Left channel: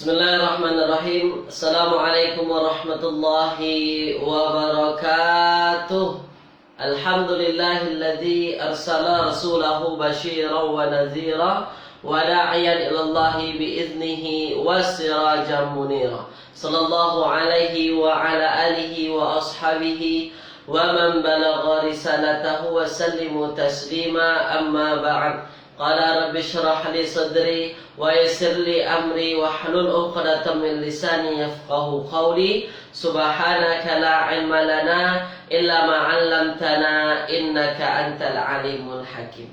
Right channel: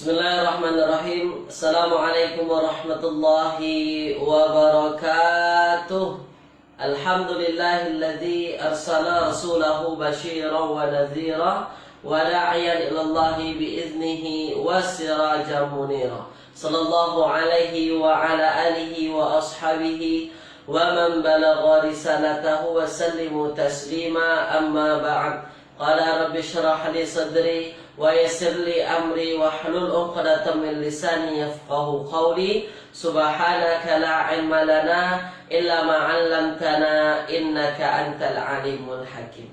Bismillahirrahmanirrahim. Assalamualaikum warahmatullahi wabarakatuh. Alhamdulillahilladzi arsala rasulahu basyiran wa nadhira wa da'iyan ilallahi biiznihi wa sirajan munira. Sallallahu alaihi wa ala alihi wa ashabihi wa man balagha risalatahu wa sallimu taslima, amma ba'd. Qala rabbi shrah li sadri wa yassir li amri wa hlul 'uqdatam min lisani yafqahu qawli. Subhanaka la ilma lana illa ma 'allamtana innaka antal alimul hakim.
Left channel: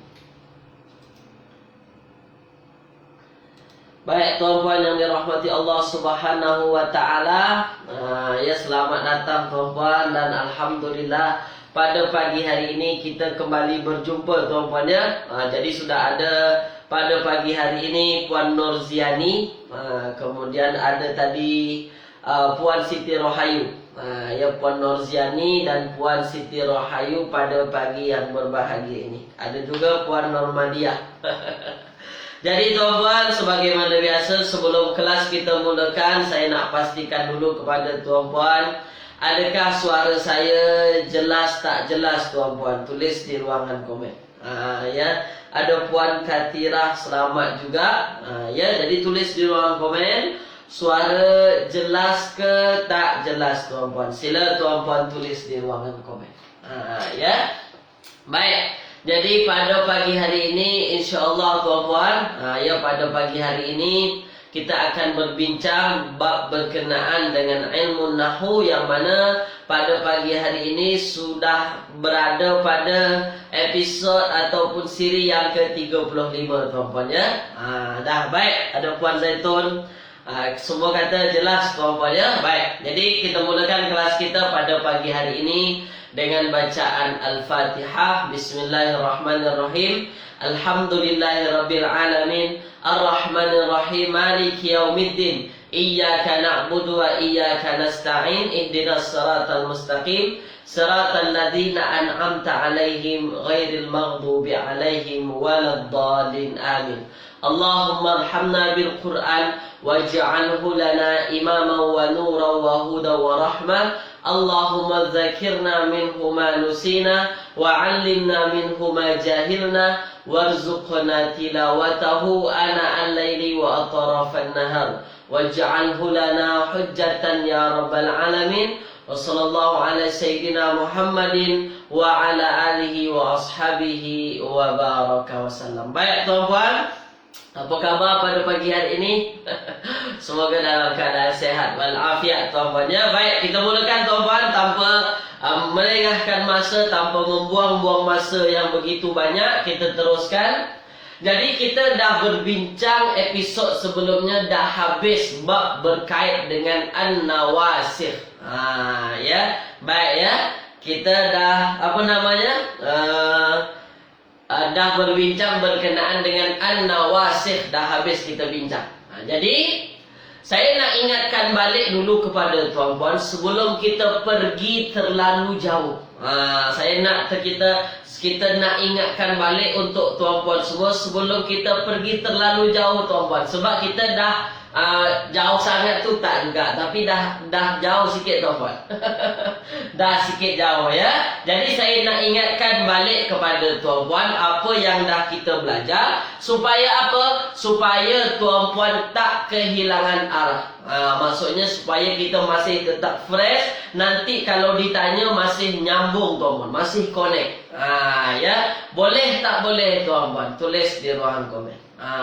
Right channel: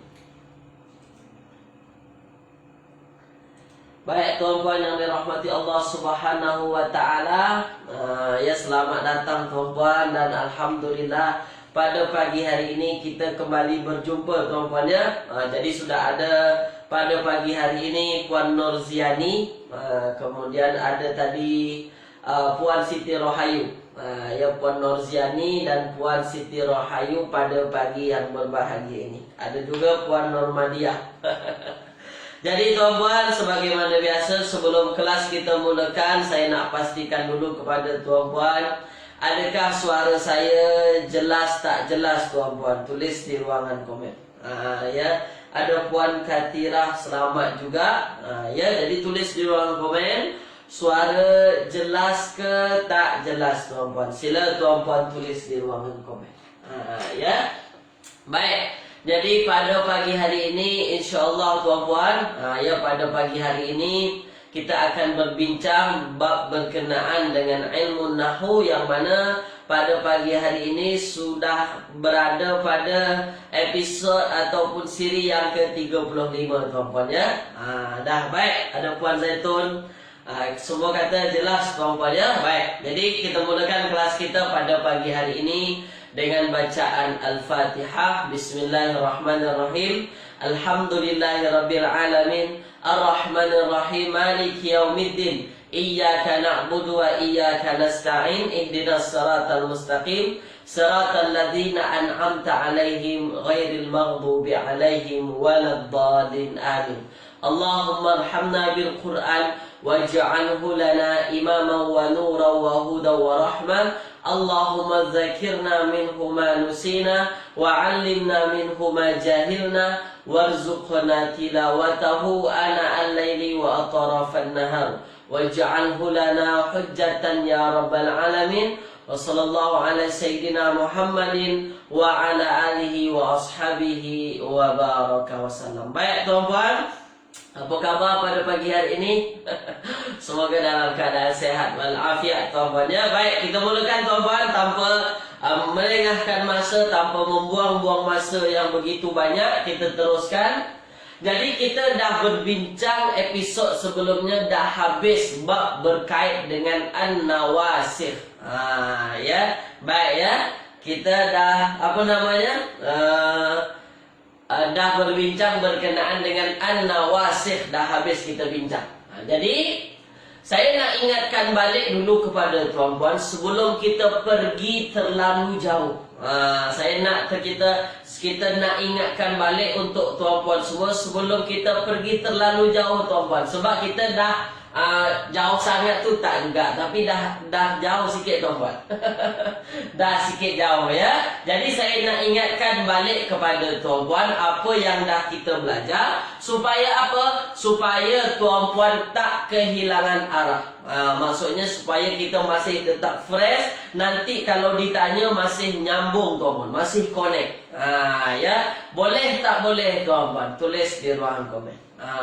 Baik tuan-tuan yang dirahmati Allah Subhanahu wa taala, ya selamat datang tuan-tuan, dan alhamdulillah pada pagi hari ini kita kembali berjumpa tuan-puan ya. Jadi sudah ada pada pagi hari ini Puan Nurziani, kemudian ada tadi Puan Siti Rohayu. Ya, Puan Nurziani dan Puan Siti Rohayu pada pagi yang berbahagia ini. Ada juga Puan Normadiah. Jadi tuan-puan, sebagaimana biasa sebelum kelas kita mulakan, saya nak pastikan dulu kepada tuan-puan, adakah suara saya jelas tak jelas tuan-puan? Tulis di ruangan komen. Ya, ada Puan Katirah selamat juga. Ya, jadi tulis di ruangan komen suara jelas ke tak jelas tuan-puan. Sila tuan-puan tulis di ruangan komen. Ya. Baik. Jadi pada pagi hari ini insya-Allah tuan-puan, ya pada pagi hari ini kita akan berbincang bab berkenaan dengan ilmu nahwu, yang mana pada pagi hari ini sudah berada pada episod ataupun siri yang ke-35 tuan-puan ya. Dah baik, ada Puan Zaitun. Semua kata jelas tuan-puan ya. Baik, jadi kita mulakan kelas kita pada pagi hari ini dengan bacaan Al-Fatihah. Bismillahirrahmanirrahim. Alhamdulillahirabbil alamin, arrahmanir rahim, maliki yaumiddin, iyyaka na'budu wa iyyaka nasta'in, ihdinas siratal mustaqim, siratal ladzina an'amta 'alaihim ghairil maghdubi 'alaihim waladdallin. Amin. Allahumma arhamna bil Qur'an waj'alhu lana imaman wa nuran wa hudan wa rahmah. Allahumma dzakirna minhu ma nusina wa 'allimna minhu ma jahilna warzuqna tilawatahu ana al-laili wa atrafan nahar waj'alhu lana hujjatan ya rabbal alamin. Wa sallallahu ala sayyidina Muhammadin wa ala alihi wa ashabihi wa baraka wa sallam. Baik tuan-puan, apa khabar pada pagi hari ini? Semoga dalam keadaan sehat walafiat tuan-puan ya. Baik, kita mulakan tuan-puan tanpa melengahkan masa, tanpa membuang-buang masa yang begitu banyak. Kita teruskan. Jadi kita dah berbincang episod sebelumnya, dah habis bab berkait dengan an-nawasikh. Ya, baik ya. Kita dah dah berbincang berkenaan dengan an-nawasikh, dah habis kita bincang. Jadi saya nak ingatkan balik dulu kepada tuan-puan sebelum kita pergi terlalu jauh. Saya nak kita nak ingatkan balik untuk tuan-puan semua sebelum kita pergi terlalu jauh tuan-puan. Sebab kita dah jauh sangat tu tak juga, tapi dah jauh sikit tuan-puan. Dah sikit jauh ya. Jadi saya nak ingatkan balik kepada tuan-puan apa yang dah kita belajar, supaya apa? Supaya tuan-puan tak kehilangan arah. Maksudnya supaya kita masih tetap fresh, nanti kalau ditanya masih nyambung tuan-puan, masih connect. Ya, boleh tak boleh tuan-puan? Tulis di ruangan komen.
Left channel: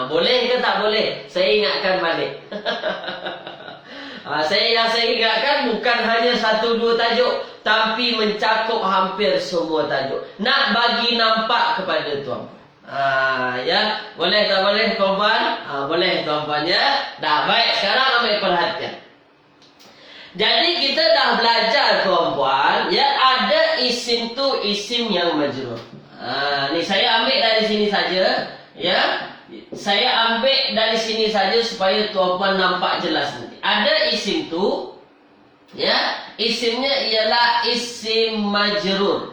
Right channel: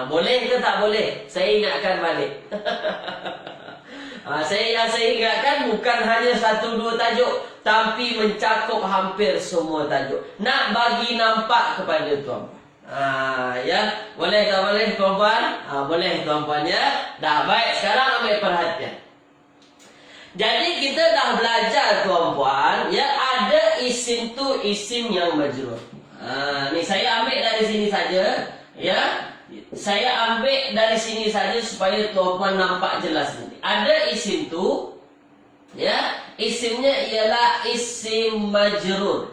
Boleh ke tak boleh? Saya ingatkan balik. Saya ingatkan bukan hanya 1-2 tajuk, tapi mencakup hampir semua tajuk. Nak bagi nampak kepada tuan-puan. Ya, boleh tak boleh tuan-puan? Boleh tuan-puan ya. Dah baik, sekarang ambil perhatian. Jadi kita dah belajar tuan-puan ya, ada isim tu isim yang majrur. Ni saya ambil dari sini saja ya. Saya ambil dari sini saja supaya tuan-puan nampak jelas nanti. Ada isim tu ya, isimnya ialah isim majrur.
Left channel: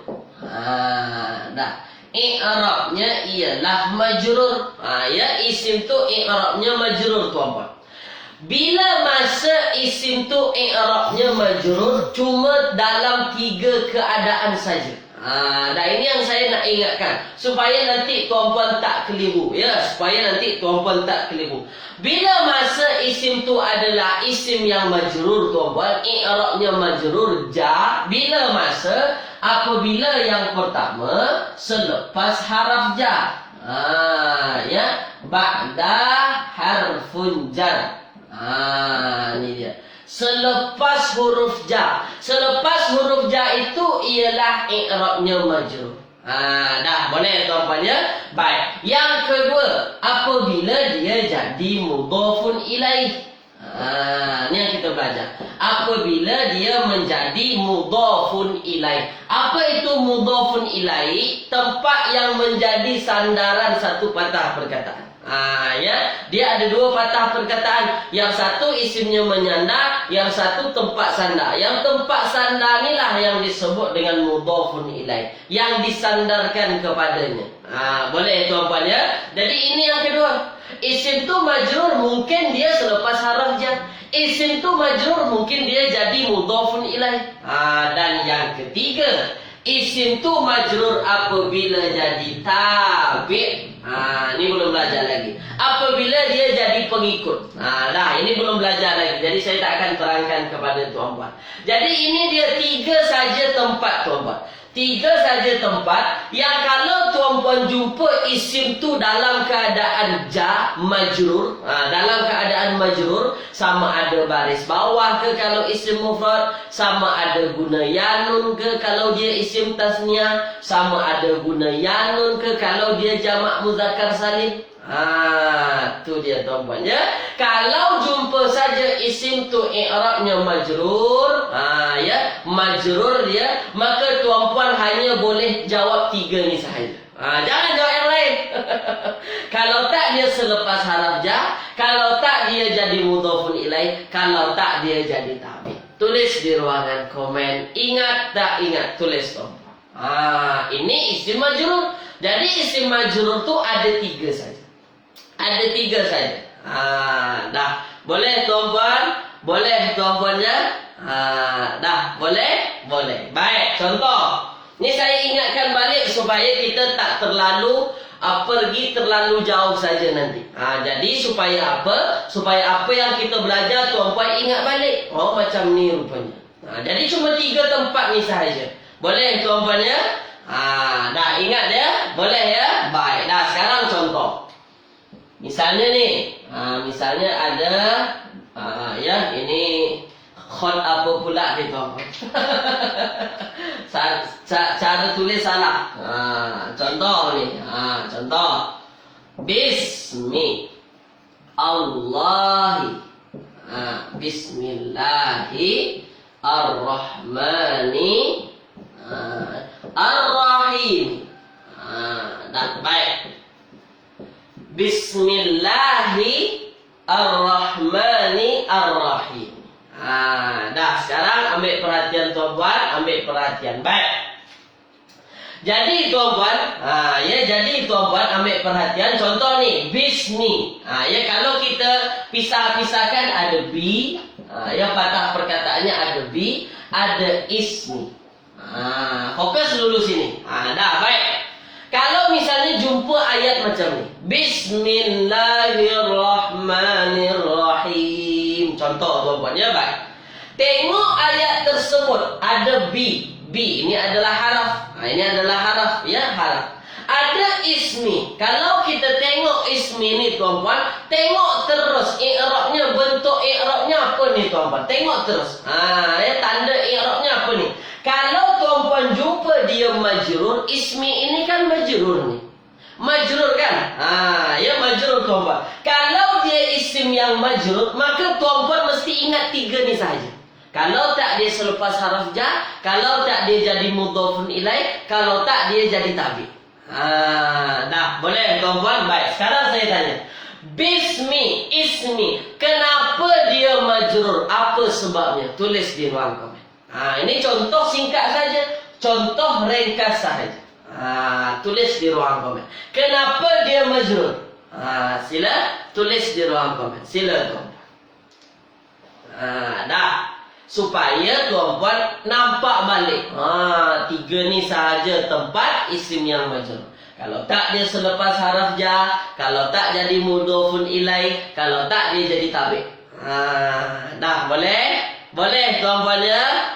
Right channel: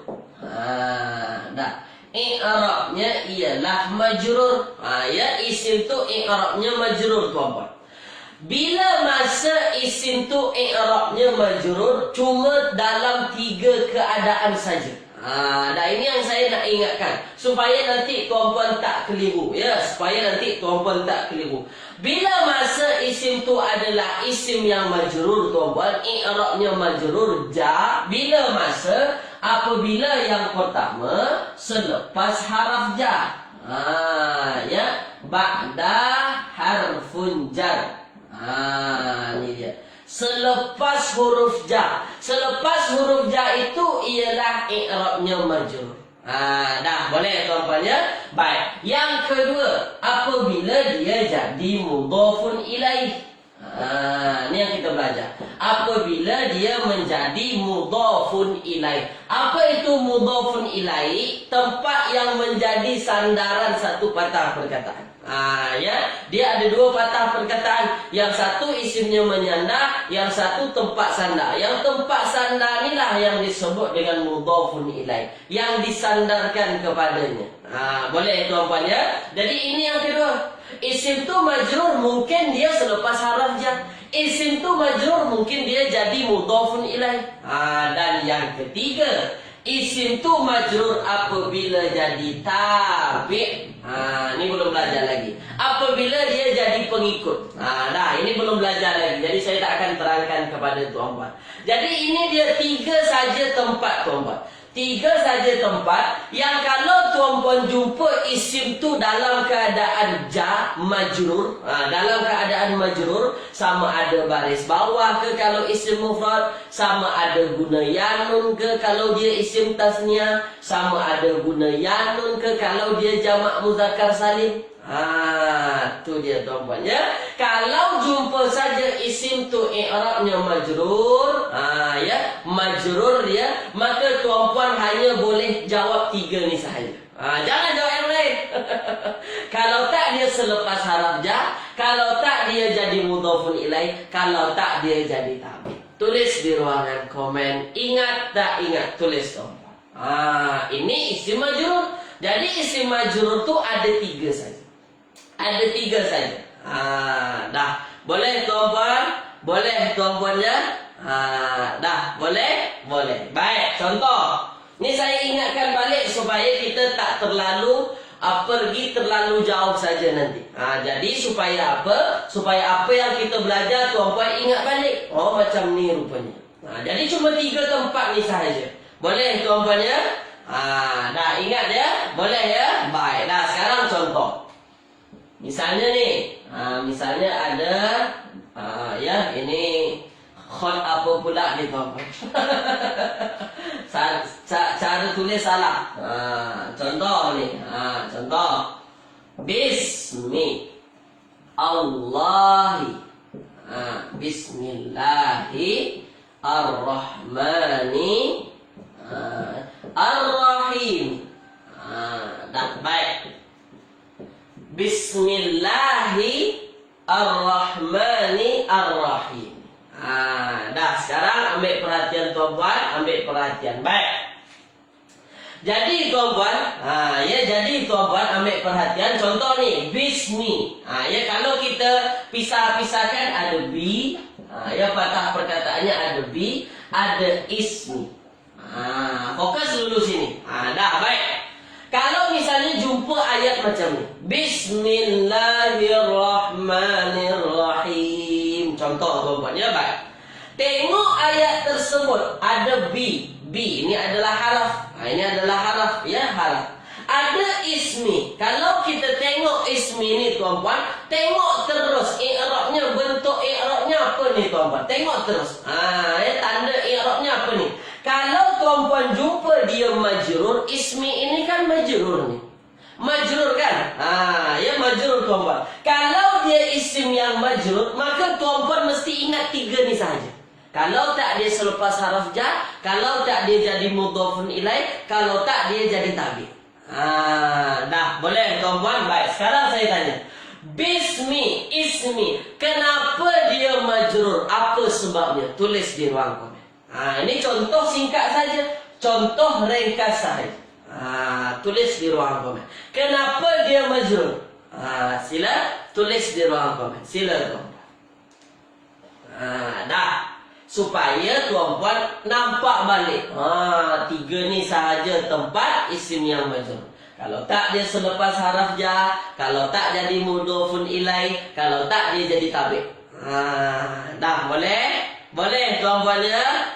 Dah. I'rabnya ialah majrur. Ya, isim tu i'rabnya majrur tuan-puan. Bila masa isim tu i'rabnya majrur cuma dalam 3 keadaan saja. Dan ini yang saya nak ingatkan supaya nanti tuan-puan tak keliru, ya, supaya nanti tuan-puan tak keliru. Bila masa isim tu adalah isim yang majrur, tuan-puan, i'rabnya majrur ja. Bila masa? Apabila yang pertama selepas haraf ja. Ya, ba'da harfun jar. Ini dia. Selepas huruf ja. Selepas huruf ja itu ialah i'rabnya majrur. Dah boleh tuan-puan ya. Baik. Yang kedua, apabila dia jadi mudhafun ilaih. Ni yang kita belajar. Apabila dia menjadi mudhafun ilaih. Apa itu mudhafun ilaih? Tempat yang menjadi sandaran satu patah perkataan. Ya, dia ada 2 patah perkataan. Yang satu isimnya menyandar, yang satu tempat sandar. Yang tempat sandar inilah yang disebut dengan mudhafun ilaih, yang disandarkan kepadanya. Boleh tuan-puan ya. Jadi ini yang kedua. Isim tu majrur mungkin dia selepas haraf jar. Isim tu majrur mungkin dia jadi mudhafun ilaih. Dan yang ketiga, isim tu majrur apabila jadi tabi'. Ini belum belajar lagi. Apabila dia jadi pengikut. Dah, ini belum belajar lagi. Jadi saya tak akan terangkan kepada tuan-puan. Jadi ini dia 3 saja tempat tuan-puan. 3 saja tempat yang kalau tuan-puan jumpa isim tu dalam keadaan ja majrur, dalam keadaan majrur, sama ada baris bawah ke kalau isim mufrad, sama ada guna yanun ke kalau dia isim tasniah, sama ada guna yanun ke kalau dia jamak muzakkar salim. Tu dia tuan-puan ya. Kalau jumpa saja isim tu i'rabnya majrur, ya, majrur dia, maka tuan-puan hanya boleh jawab 3 ni sahaja. Jangan jawab yang lain. Kalau tak dia selepas haraf ja, kalau tak dia jadi mudhafun ilaih, kalau tak dia jadi tabi'. Tulis di ruangan komen. Ingat tak ingat? Tulis tuan-puan. Ini isim majrur. Jadi isim majrur tu ada 3 saja. Ada 3 saja. Dah. Boleh tuan-puan? Boleh tuan-puan ya? Dah. Boleh? Boleh. Baik. Contoh. Ni saya ingatkan balik supaya kita tak terlalu pergi terlalu jauh saja nanti. Jadi supaya apa? Supaya apa yang kita belajar tuan-puan ingat balik. Oh macam ni rupanya. Jadi cuma 3 tempat ni sahaja. Boleh tuan-puan ya? Dah ingat ya? Boleh ya? Baik. Dah sekarang contoh. Misalnya nih, misalnya ada, ya ini khot apa pula nih tuan-puan. Cara tulis salah. Contoh nih, contoh. Bismi Allahi. Bismillahi Ar-Rahmani Ar-Rahim. Dah baik. Bismillahirrahmanirrahim. Dah sekarang ambil perhatian tuan-puan, ambil perhatian. Baik. Jadi tuan-puan, jadi tuan-puan ambil perhatian. Contoh nih, bismi. Ya kalau kita pisah-pisahkan ada bi, ya patah perkataannya ada bi, ada ismi. Fokus dulu sini. Dah baik. Kalau misalnya jumpa ayat macam ni, Bismillahirrahmanirrahim. Contoh tuan-puan ya, baik. Tengok ayat tersebut ada bi. Bi ini adalah haraf. Ini adalah haraf, ya, haraf. Ada ismi. Kalau kita tengok ismi ni tuan-puan, tengok terus i'rabnya, bentuk i'rabnya apa ni tuan-puan? Tengok terus. Ya, tanda i'rabnya apa ni? Kalau tuan-puan jumpa dia majrur, ismi ini kan majrur ni. Majrur kan? Ya majrur tuan-puan. Kalau dia isim yang majrur, maka tuan-puan mesti ingat 3 ni saja. Kalau tak dia selepas haraf jar, kalau tak dia jadi mudhafun ilaih, kalau tak dia jadi tabi'. Dah, boleh tuan-puan? Baik, sekarang saya tanya. Bismi, ismi, kenapa dia majrur? Apa sebabnya? Tulis di ruang komen. Ini contoh singkat saja, contoh ringkas saja. Tulis di ruang komen. Kenapa dia majrur? Sila tulis di ruang komen. Sila tuan. Dah. Supaya tuan-puan nampak balik. Tiga ni sahaja tempat isim yang majrur. Kalau tak dia selepas haraf jar, kalau tak jadi mudhofun ilai, kalau tak dia jadi tabi'. Dah boleh? Boleh tuan-puan ya?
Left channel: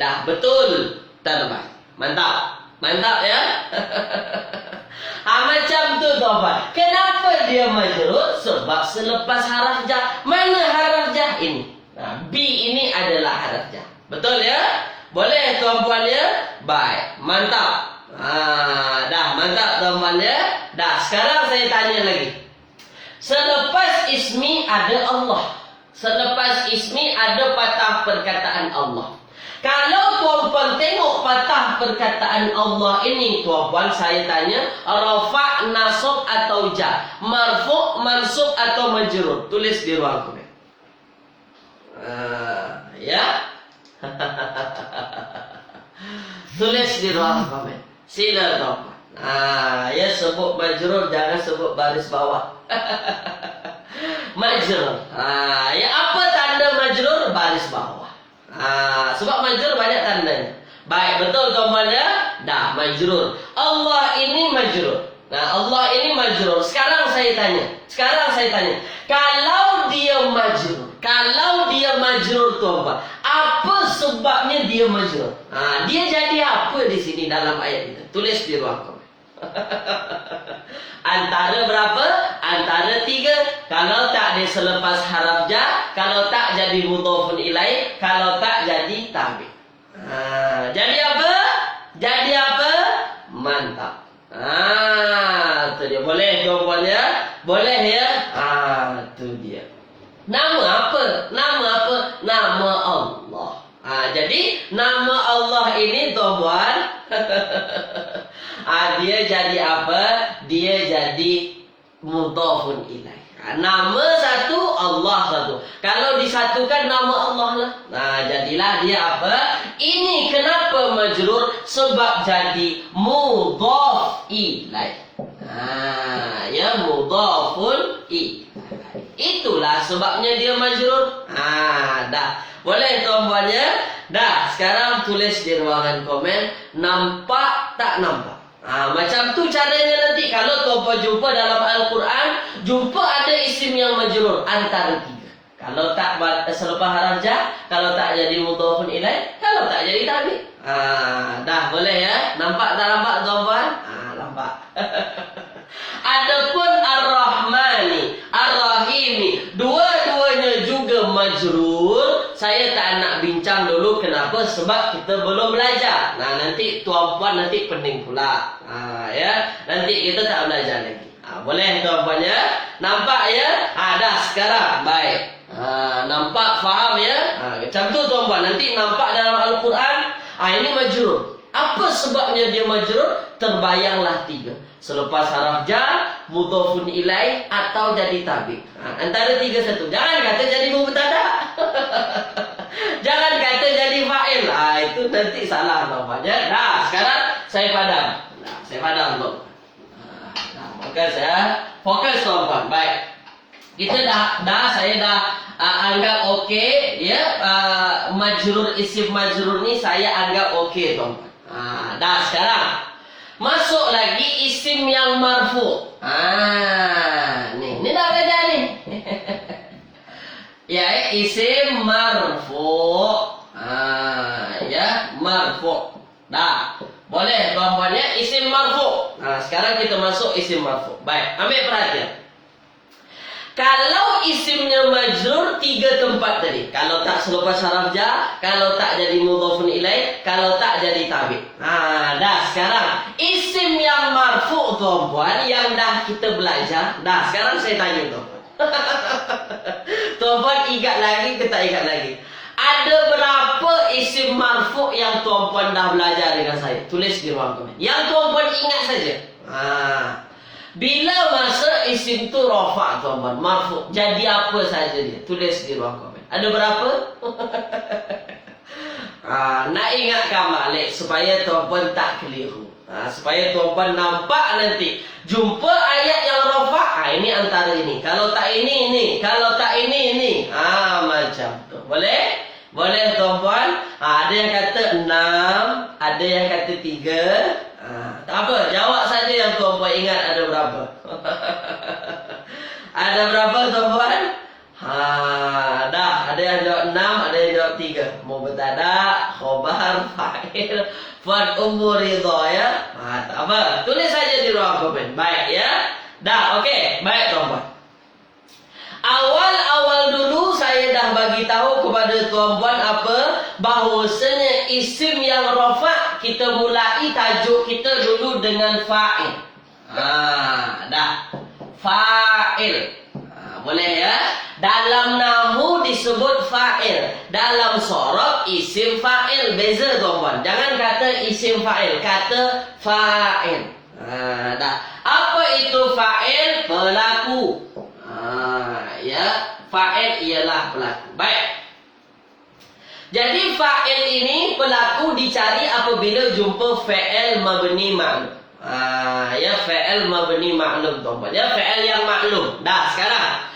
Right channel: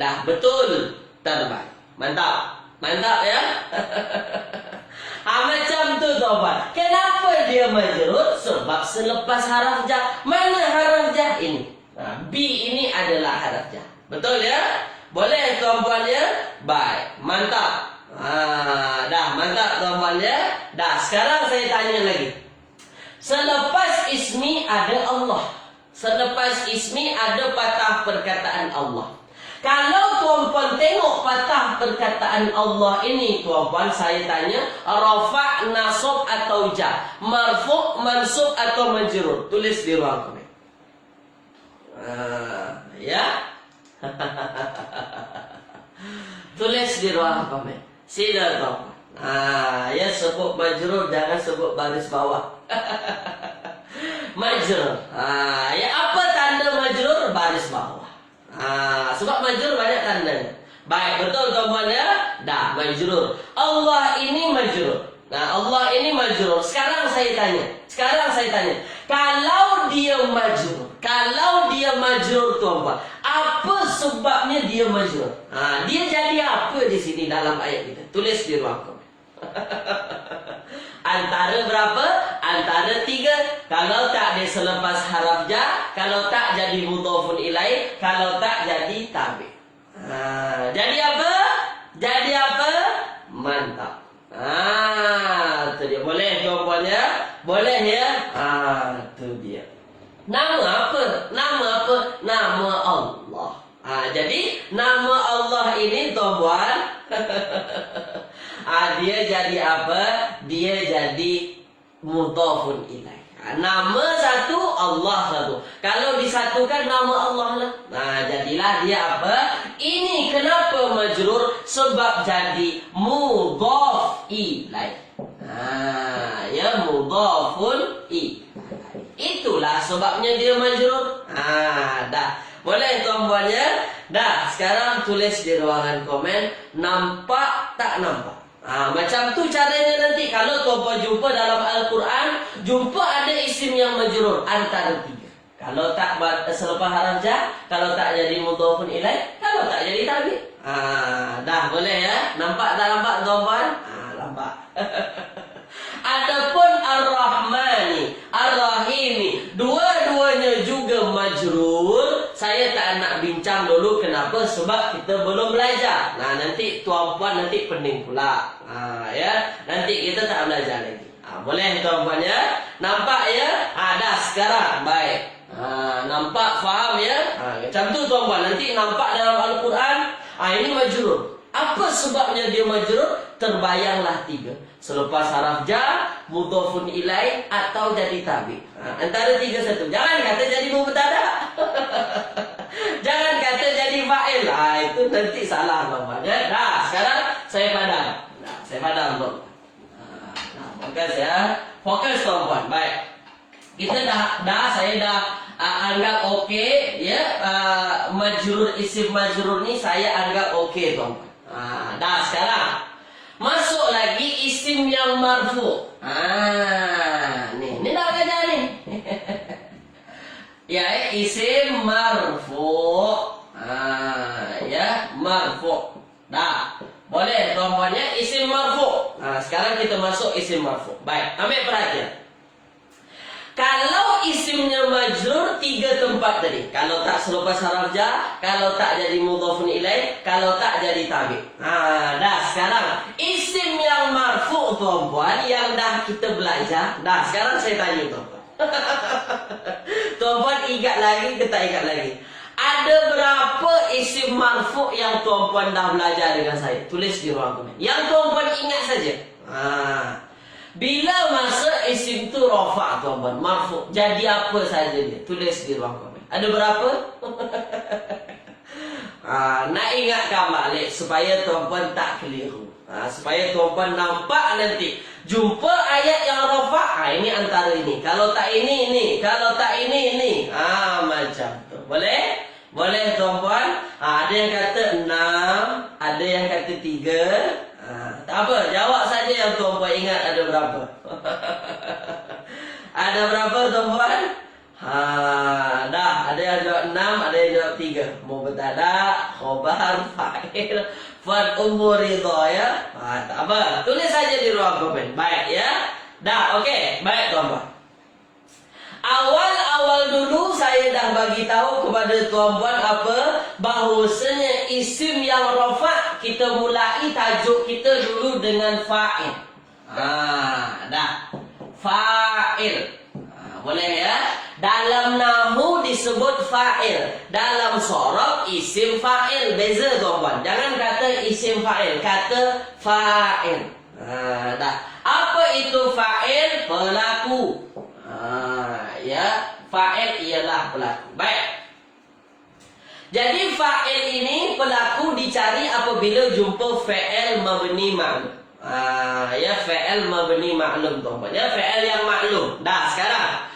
Dah betul. Terbaik. Mantap. Mantap ya? Macam tu tuan-puan. Kenapa dia majrur? Sebab selepas haraf jar. Mana haraf jar ini? B ini adalah haraf jar. Betul ya? Boleh tuan-puan ya? Baik. Mantap. Dah mantap tuan-puan ya? Dah sekarang saya tanya lagi. Selepas ismi ada Allah. Selepas ismi ada patah perkataan Allah. Kalau tuan-puan tengok patah perkataan Allah ini, tuan-puan saya tanya, rafa', nasab atau jar, marfu', mansub atau majrur? Tulis di ruang komen. Ya. Tulis di ruang komen. Sila tuan-puan. Ya sebut majrur, jangan sebut baris bawah. Majrur. Ya apa tanda majrur? Baris bawah. Sebab majrur banyak tandanya. Baik, betul tuan-puan ya? Dah, majrur. Allah ini majrur. Allah ini majrur. Sekarang saya tanya. Kalau dia majrur tuan-puan, apa sebabnya dia majrur? Dia jadi apa di sini dalam ayat ini? Tulis di ruang komen. Antara berapa? Antara 3. Kalau tak dia selepas haraf jar, kalau tak jadi mudhofun ilai, kalau tak jadi tabi'. Jadi apa? Jadi apa? Mantap. Tu dia. Boleh tuan-puan ya? Boleh ya? Tu dia. Nama apa? Nama apa? Nama Allah. Jadi nama Allah ini tuan-puan dia jadi apa? Dia jadi mudhofun ilai. Nama satu, Allah satu. Kalau disatukan nama Allah lah. Jadilah dia apa? Ini kenapa majrur? Sebab jadi mudhaf ilai. Ya mudhafun ilai. Itulah sebabnya dia majrur. Dah. Boleh tuan-puan ya? Dah, sekarang tulis di ruangan komen. Nampak tak nampak? Macam tu caranya nanti. Kalau tuan-puan jumpa dalam Al-Quran, jumpa ada isim yang majrur antara 3. Kalau tak selepas haraf jar, kalau tak jadi mudhofun ilai, kalau tak jadi tabi'. Dah boleh ya? Nampak tak nampak tuan-puan? Nampak. Adapun Ar-Rahmani, Ar-Rahimi, dua-duanya juga majrur. Saya tak nak bincang dulu kenapa, sebab kita belum belajar. Nanti tuan-puan nanti pening pula. Ya, nanti kita tak belajar lagi. Boleh tuan-puan ya? Nampak ya? Dah sekarang. Baik. Nampak, faham ya? Macam tu tuan-puan. Nanti nampak dalam Al-Quran. Ini majrur. Apa sebabnya dia majrur? Terbayanglah 3. Selepas haraf jar, mudhofun ilai, atau jadi tabi'. Antara 3 satu. Jangan kata jadi mubtada. Jangan kata jadi fa'il. Itu nanti salah namanya. Dah, sekarang saya padam. Saya padam tuan. Fokus ya. Fokus tuan-puan. Baik. Kita saya dah anggap okey ya. Majrur, isim majrur ni saya anggap okey tuan-puan. Dah sekarang masuk lagi isim yang marfu. Ni dah belajar ni. Ya, isim marfu. Ya, marfu. Dah. Boleh tuan-puan ya, isim marfu. Sekarang kita masuk isim marfu. Baik, ambil perhatian. Kalau isimnya majrur 3 tempat tadi. Kalau tak selepas haraf jar, kalau tak jadi mudhofun ilai, kalau tak jadi tabi'. Dah sekarang isim yang marfu tuan-puan yang dah kita belajar. Dah sekarang saya tanya tuan-puan. Tuan-puan ingat lagi ke tak ingat lagi? Ada berapa isim marfu yang tuan-puan dah belajar dengan saya? Tulis di ruang komen. Yang tuan-puan ingat saja. Bila masa isim tu rafa' tuan-puan, marfu', jadi apa saja dia? Tulis di ruang komen. Ada berapa? Nak ingatkan balik supaya tuan-puan tak keliru. Supaya tuan-puan nampak nanti. Jumpa ayat yang rafa, ini antara ini. Kalau tak ini. Kalau tak ini. Macam tu. Boleh? Boleh tuan-puan? Ada yang kata 6, ada yang kata 3. Tak apa, jawab saja yang tuan-puan ingat ada berapa. Ada berapa tuan-puan? Dah, ada yang jawab 6, ada yang jawab 3. Mubtada, khobar, fa'il, umur ridha ya. Tak apa, tulis saja di ruang komen. Baik ya. Dah, okey. Baik tuan-puan. Awal-awal dulu saya dah bagi tahu kepada tuan-puan apa? Bahawasanya isim yang rafa kita mulai tajuk kita dulu dengan fa'il. Dah. Fa'il. Boleh ya? Dalam nahwu disebut fa'il, dalam sorof isim fa'il. Beza tuan-puan. Jangan kata isim fa'il, kata fa'il. Dah. Apa itu fa'il? Pelaku. Ya, fa'il ialah pelaku. Baik. Jadi fa'il ini pelaku dicari apabila jumpa fa'il mabni ma'lum. Ya, fa'il mabni ma'lum tuan-puan. Ya, fa'il yang maklum. Dah, sekarang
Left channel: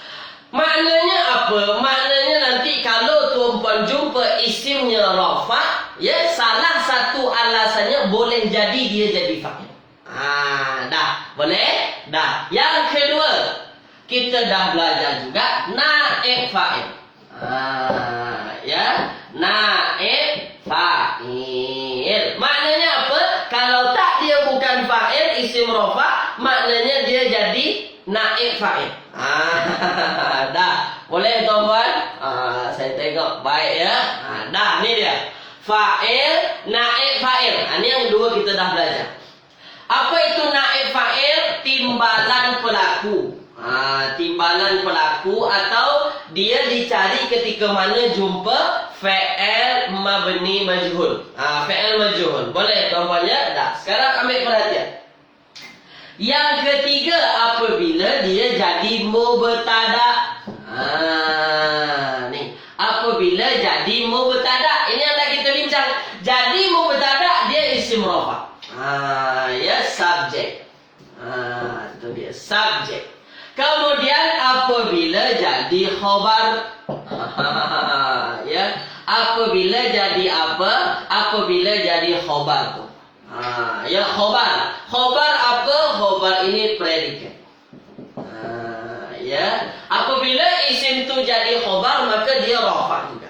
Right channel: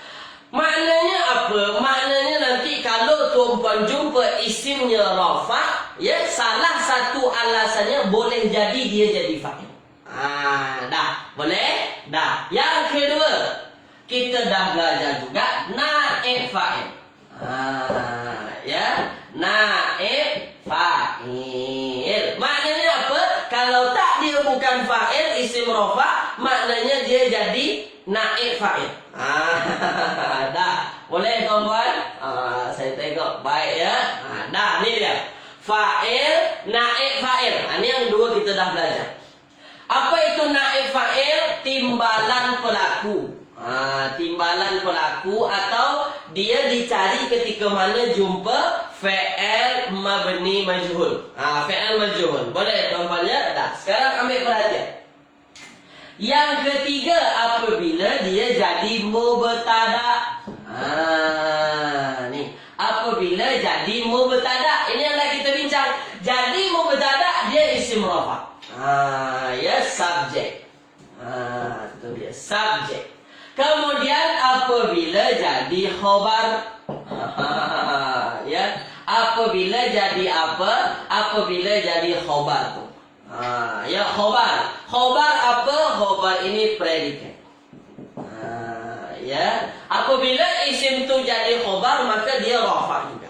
maknanya apa? Maknanya nanti kalau tuan-puan jumpa isimnya rafa, ya, salah satu alasannya boleh jadi dia jadi fa'il. Dah, boleh? Dah. Yang kedua, kita dah belajar juga naib fa'il. Ya, naib fa'il. Maknanya apa? Kalau tak dia bukan fa'il, isim rafa, maknanya dia jadi naib fa'il. Dah, boleh tuan-puan? Saya tengok baik ya. Dah, ni dia. Fa'il, naib fa'il. Ini yang dua kita dah belajar. Apa itu naib fa'il? Timbalan pelaku. Timbalan pelaku atau dia dicari ketika mana jumpa fa'il mabni majhul. Fa'il majhul. Boleh tuan-puan ya? Dah. Sekarang ambil perhatian. Yang ketiga, apabila dia jadi mubtada. Ni. Apabila jadi mubtada. Ini yang dah kita bincang. Jadi mubtada dia isim rafa. Ya, subjek. Itu dia, subjek. Kemudian apabila jadi khobar. Ya, apabila jadi apa? Apabila jadi khobar tu. Ya, khobar. Khobar apa? Khobar ini predikat. Ya, apabila isim tu jadi khobar maka dia rafa juga.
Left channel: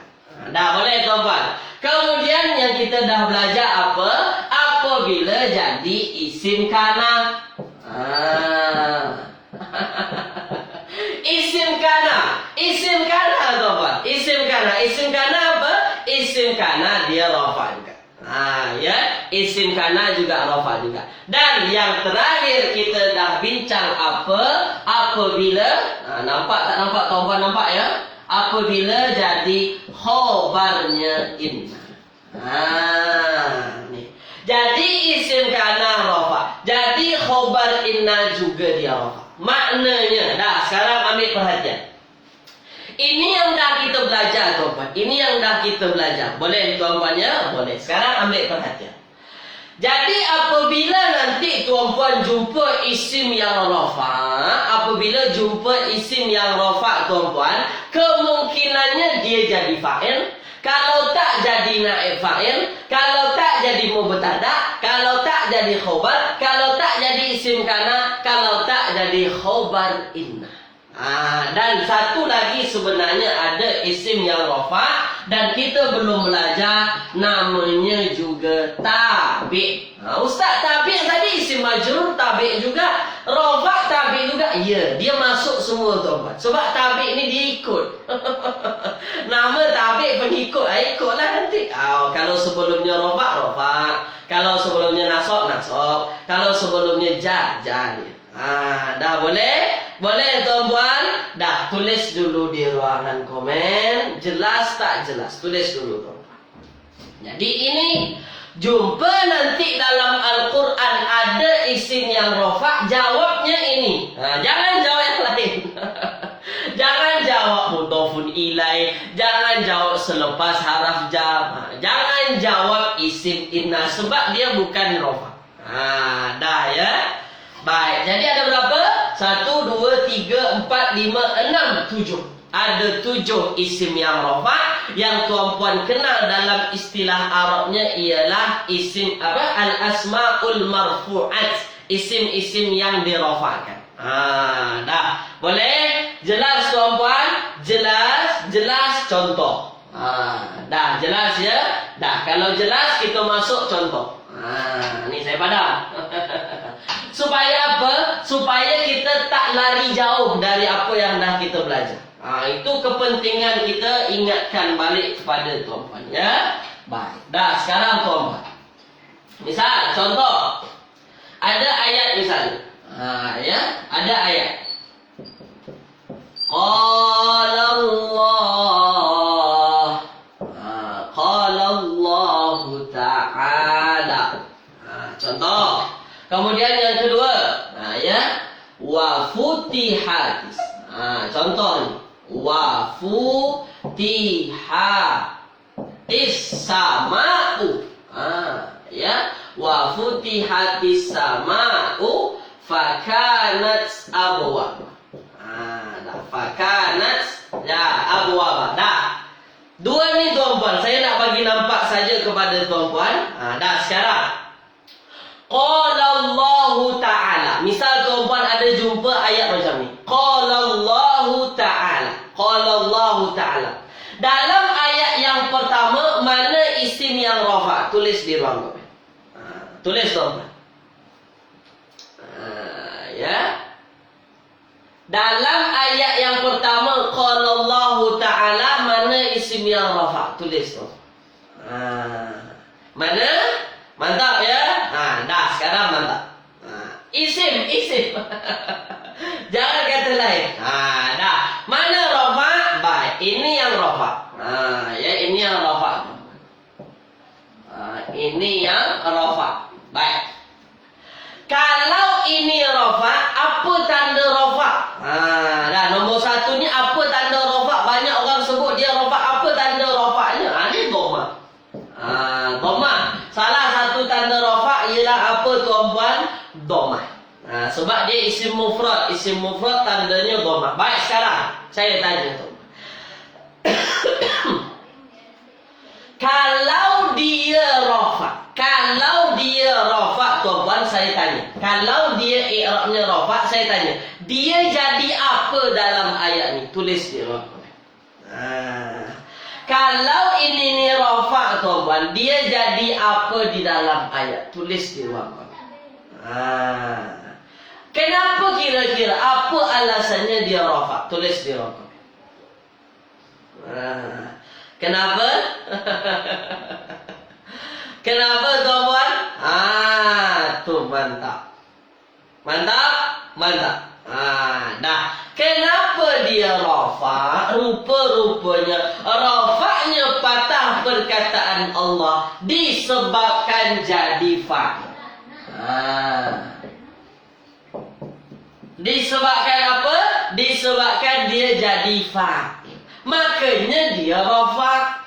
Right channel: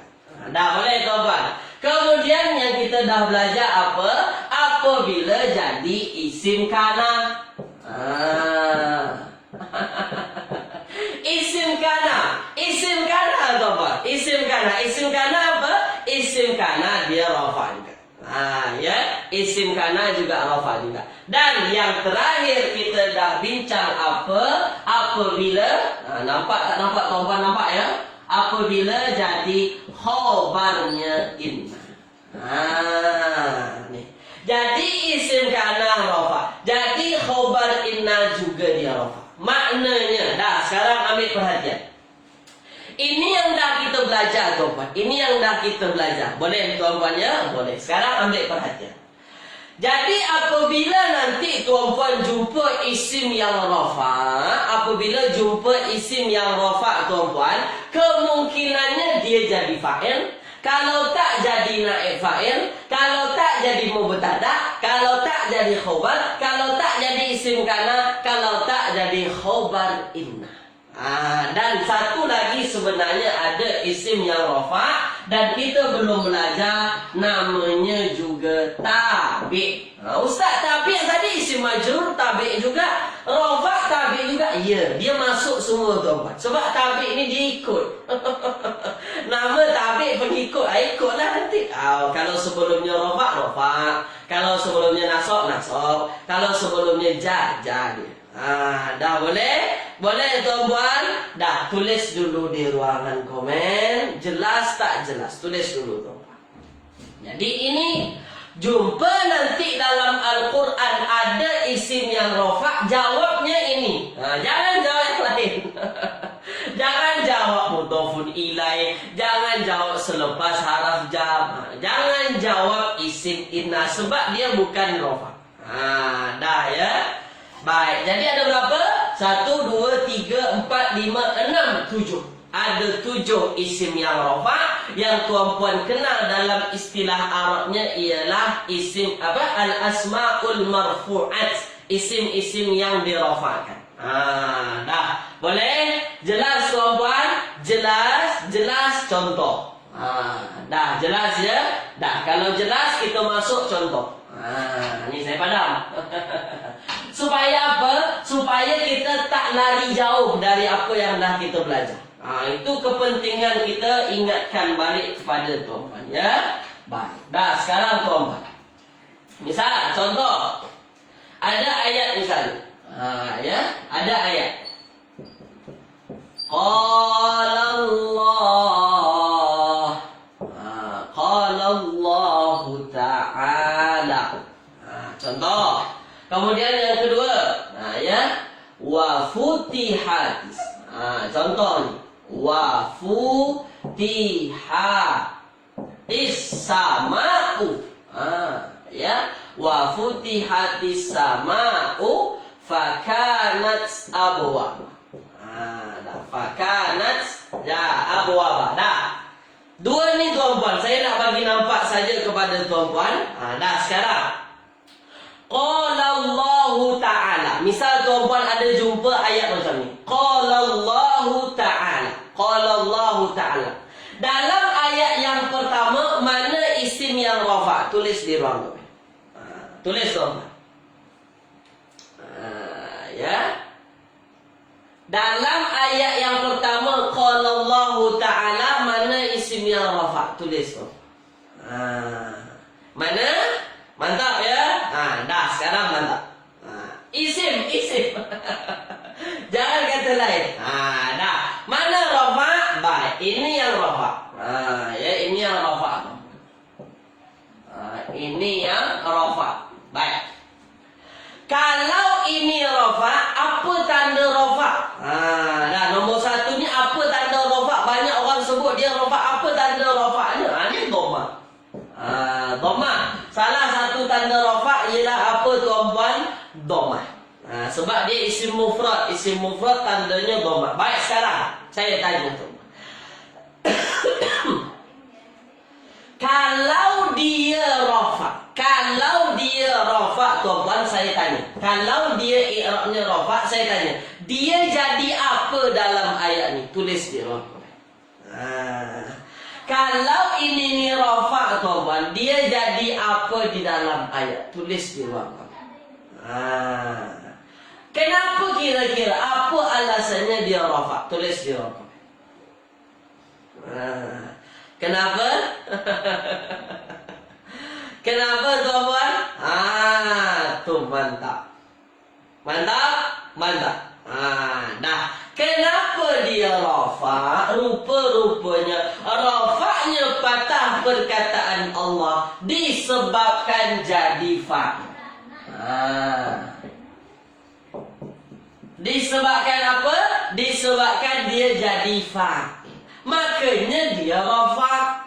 Dah, boleh tuan-tuan. Kemudian yang kita dah belajar apa? Apabila jadi isim kana. Isim kana. Isim kana tuan-tuan. Isim kana. Isim kana apa? Isim kana dia rafa juga. Ya, isim kana juga rafa juga. Dan yang terakhir kita dah bincang apa? Apabila nampak tak nampak tuan-tuan, nampak ya? Apabila jadi khobarnya inna. Ni. Jadi isim kana rafa. Jadi khobar inna juga dia rafa. Maknanya, dah sekarang ambil perhatian. Ini yang dah kita belajar tuan-puan. Ini yang dah kita belajar. Boleh tuan-puan ya? Boleh. Sekarang ambil perhatian. Jadi apabila nanti tuan-puan jumpa isim yang rafa, apabila jumpa isim yang rafa tuan-puan, kemungkinannya dia jadi fa'il. Kalau tak jadi naib fa'il, kalau tak jadi mubtada, kalau tak jadi khobar, kalau tak jadi isim kana, kalau tak jadi khobar inna. Dan satu lagi sebenarnya ada isim yang rafa dan kita belum belajar, namanya juga tabi'. Ustaz, tabi' tadi isim majrur tabi' juga, rafa tabi' juga. Ya, dia masuk semua tuan-tuan. Sebab tabi' ni dia ikut. Nama tabi' pengikut, ikutlah nanti. Kalau sebelumnya rafa, kalau sebelumnya nasab, kalau sebelumnya jar dia. Dah boleh? Boleh tuan-puan? Dah, tulis dulu di ruangan komen. Jelas tak jelas? Tulis dulu tuan-puan. Jadi ini jumpa nanti dalam Al-Quran ada isim yang rafa, jawabnya ini. Jangan jawab yang lain. Jangan jawab mudhofun ilai, jangan jawab selepas haraf jar, jangan jawab isim inna sebab dia bukan rafa. Dah ya. Baik, jadi ada berapa? 1, 2, 3, 4, 5, 6, 7. Ada 7 isim yang rafa yang tuan-puan kenal dalam istilah Arabnya ialah isim apa? Al-asmaul marfu'at. Isim-isim yang dirafakan. Dah. Boleh? Jelas tuan-puan? Jelas contoh. Dah jelas ya? Dah, kalau jelas kita masuk contoh. Ni saya padam. Supaya apa? Supaya kita tak lari jauh dari apa yang dah kita belajar. Itu kepentingan kita ingatkan balik kepada tuan-puan ya. Baik. Dah sekarang tuan-puan. Misal contoh. Ada ayat misalnya. Ya, ada ayat. Qala Allah Ta'ala. Contoh. Kemudian yang kedua, ya, wa futihatis. Contoh ni, wa futihatis sama'u. Ya, wa futihatis sama'u fakanat abwaba. Fakanat abwaba. Dah. Dua ni tuan-puan, saya nak bagi nampak saja kepada tuan-puan. Dah sekarang. Qala Allah Ta'ala. Misal tuan-puan ada jumpa ayat macam ni. Qala Allah Ta'ala. Qala Allah Ta'ala. Dalam ayat yang pertama, mana isim yang rafa? Tulis di ruang komen. Tulis tuan-puan. Ya. Dalam ayat yang pertama, Qala Allah Ta'ala, mana isim yang rafa? Tulis tuan-puan. Mana? Mantap ya? Dah sekarang mantap. Isim. Jangan kata lain. Dah. Mana rafa? Baik, ini yang rafa. Ya, ini yang rafa. Ini yang rafa. Baik. Kalau ini rafa, apa tanda rafa? Dah nombor 1 ni apa tanda rafa? Banyak orang sebut dia rafa. Apa tanda rafanya? Ini dhamma. Dhamma. Salah satu tanda rafa ialah apa tuan-puan? Dhamma. Sebab dia isim mufrad. Isim mufrad tandanya dhamma. Baik, sekarang saya tanya tuan-puan. Kalau dia rafa tuan-puan, saya tanya. Kalau dia i'rabnya rafa, saya tanya. Dia jadi apa dalam ayat ni? Tulis di ruang komen. Kalau ini ni rafa tuan-puan, dia jadi apa di dalam ayat? Tulis di ruang komen. Kenapa kira-kira? Apa alasannya dia rafa? Tulis di ruang komen. Kenapa? Kenapa tuan-puan? Tu mantap. Mantap. Dah. Kenapa dia rafa? Rupa-rupanya rafa'nya patah perkataan Allah disebabkan jadi fa'il. Disebabkan apa? Disebabkan dia jadi fa'il. Makanya dia rafa'.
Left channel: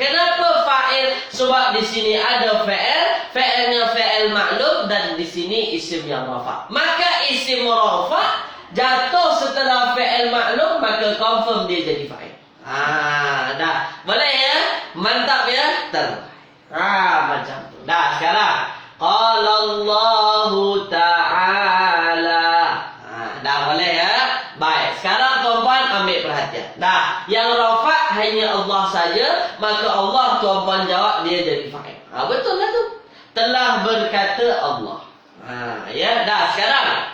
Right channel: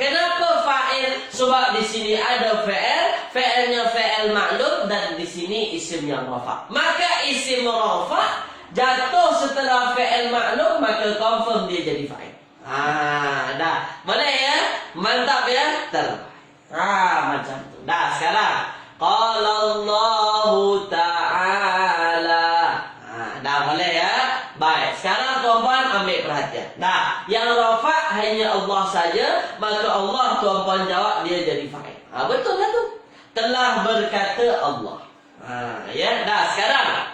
Kenapa fa'il? Sebab di sini ada fa'il, fa'ilnya fa'il maklum, dan di sini isim yang rafa'. Maka isim rafa' jatuh setelah fa'il maklum, maka confirm dia jadi fa'il. Dah. Boleh ya? Mantap ya? Terbaik. Macam tu. Dah sekarang. Qala Allah Ta'ala. Dah boleh ya? Baik. Sekarang tuan-puan ambil perhatian. Dah. Yang rafa' hanya Allah saja, maka Allah tuan-puan jawab dia jadi fa'il. Betul lah tu. Telah berkata Allah. Ya, dah sekarang.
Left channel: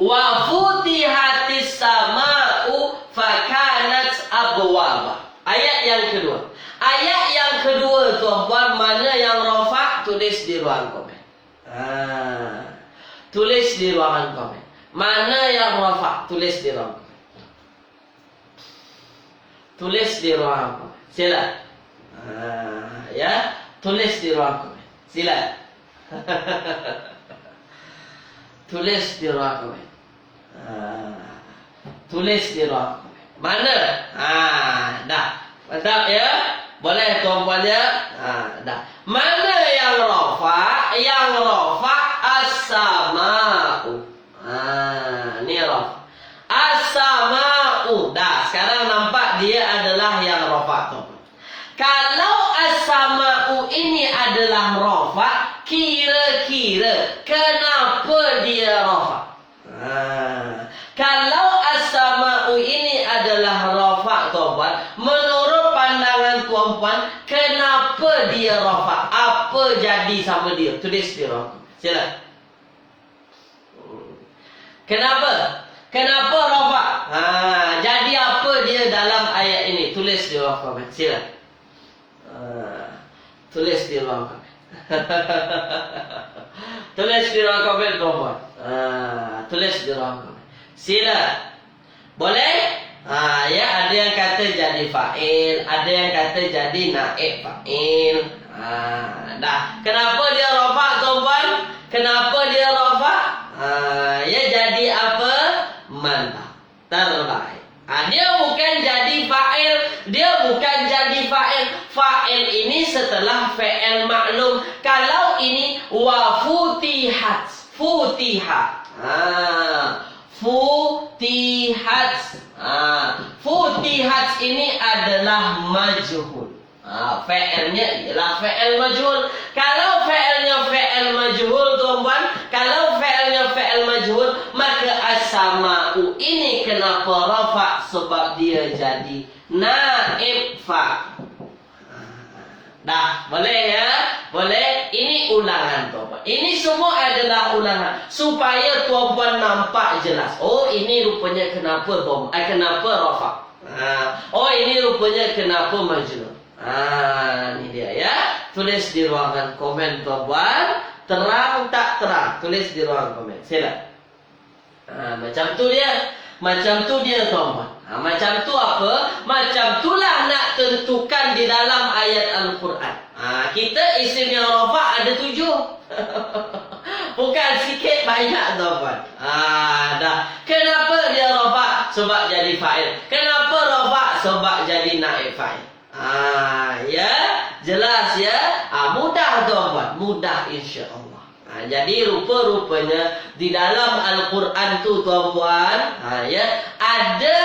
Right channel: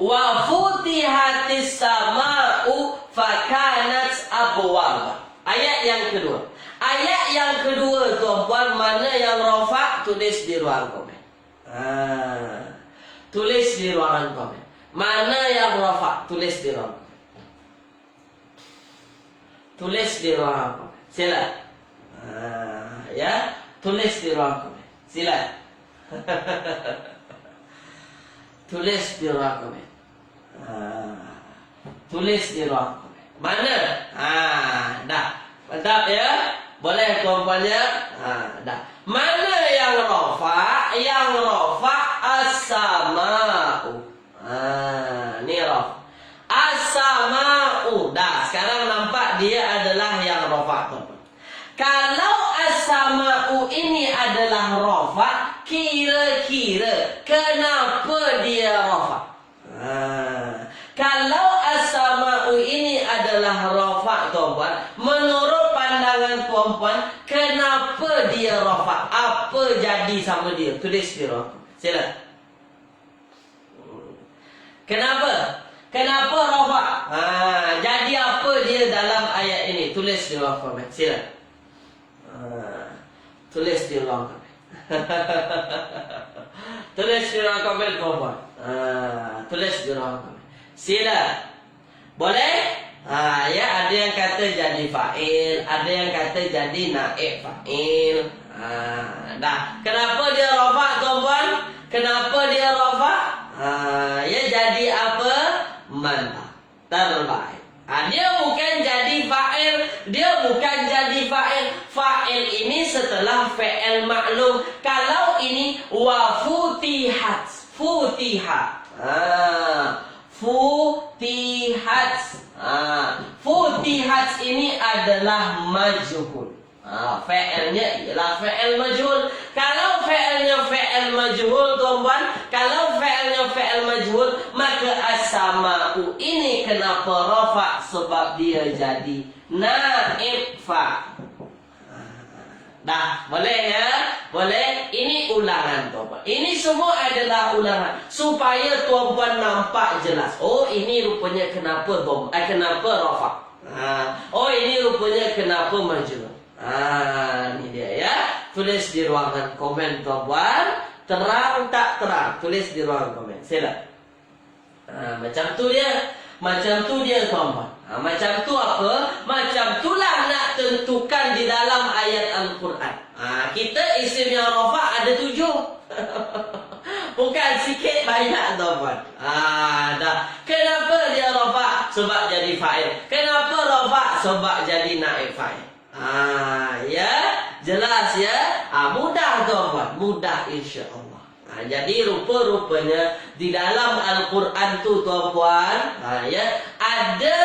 Wa futihatis sama'u fakanat abwaba. Ayat yang kedua. Ayat yang kedua tuan-puan, mana yang rafa'? Tulis di ruang komen. Tulis di ruangan komen. Mana yang rafa'? Tulis di ruang komen. Tulis di ruang komen. Sila. Ya, tulis di ruang komen. Sila. Tulis di ruang komen. Tulis di ruang komen. Mana? Dah. Mantap ya? Boleh tuan-puan ya? Dah. Mana yang rafa'? yang rafa as-sama'u. Ni rafa. As-sama'u. Dah, sekarang nampak dia adalah yang rafa. Kalau as-sama'u ini adalah rafa, kira-kira kenapa dia rafa? Kalau as-sama'u ini adalah rafa, tuan-puan, menurut pandangan tuan-puan, kenapa dia rafa? Apa jadi sama dia? Tulis di rafa. Sila. Kenapa? Kenapa rafa? Jadi apa dia dalam ayat ini? Tulis di rafa. Sila. Tulis di ruang komen. Tulis di ruang komen, tuan-puan. Tulis di ruang komen. Sila. Boleh? Ya, ada yang kata jadi fa'il, ada yang kata jadi naib fa'il. Dah. Kenapa dia rafa, tuan-puan? Kenapa dia rafa? Ya, jadi apa? Mantap. Terbaik. Dia bukan jadi fa'il. Dia bukan jadi fa'il. Fa'il ini setelah fi'il maklum. Kalau ini wa futihat. Futihat. Futihat. Futihat ini adalah majhul. Fi'ilnya ialah fi'il majhul. Kalau fi'ilnya fi'il majhul, tuan-puan, kalau fi'ilnya fi'il majhul, maka as-sama'u ini kenapa rafa? Sebab dia jadi naib fa'. Dah, boleh ya? Boleh. Ini ulangan, tuan-puan. Ini semua adalah ulangan supaya tuan-puan nampak jelas. Oh, ini rupanya kenapa kenapa rafa. Oh, ini rupanya kenapa majhul. Ini dia ya. Tulis di ruangan komen, tuan-puan. Terang tak terang? Tulis di ruangan komen. Sila. Macam tu dia. Macam tu dia, tuan-puan. Macam tu apa? Macam tulah nak tentukan di dalam ayat Al-Quran. Kita isim yang rafa ada 7. Bukan sikit banyak, tuan-puan. Dah. Kenapa dia rafa? Sebab jadi fa'il. Kenapa rafa? Sebab jadi naib fa'il. Ya, jelas ya. Mudah, tuan-puan. Mudah, insya-Allah. Jadi rupa-rupanya di dalam Al-Quran tu, tuan-puan, ya, ada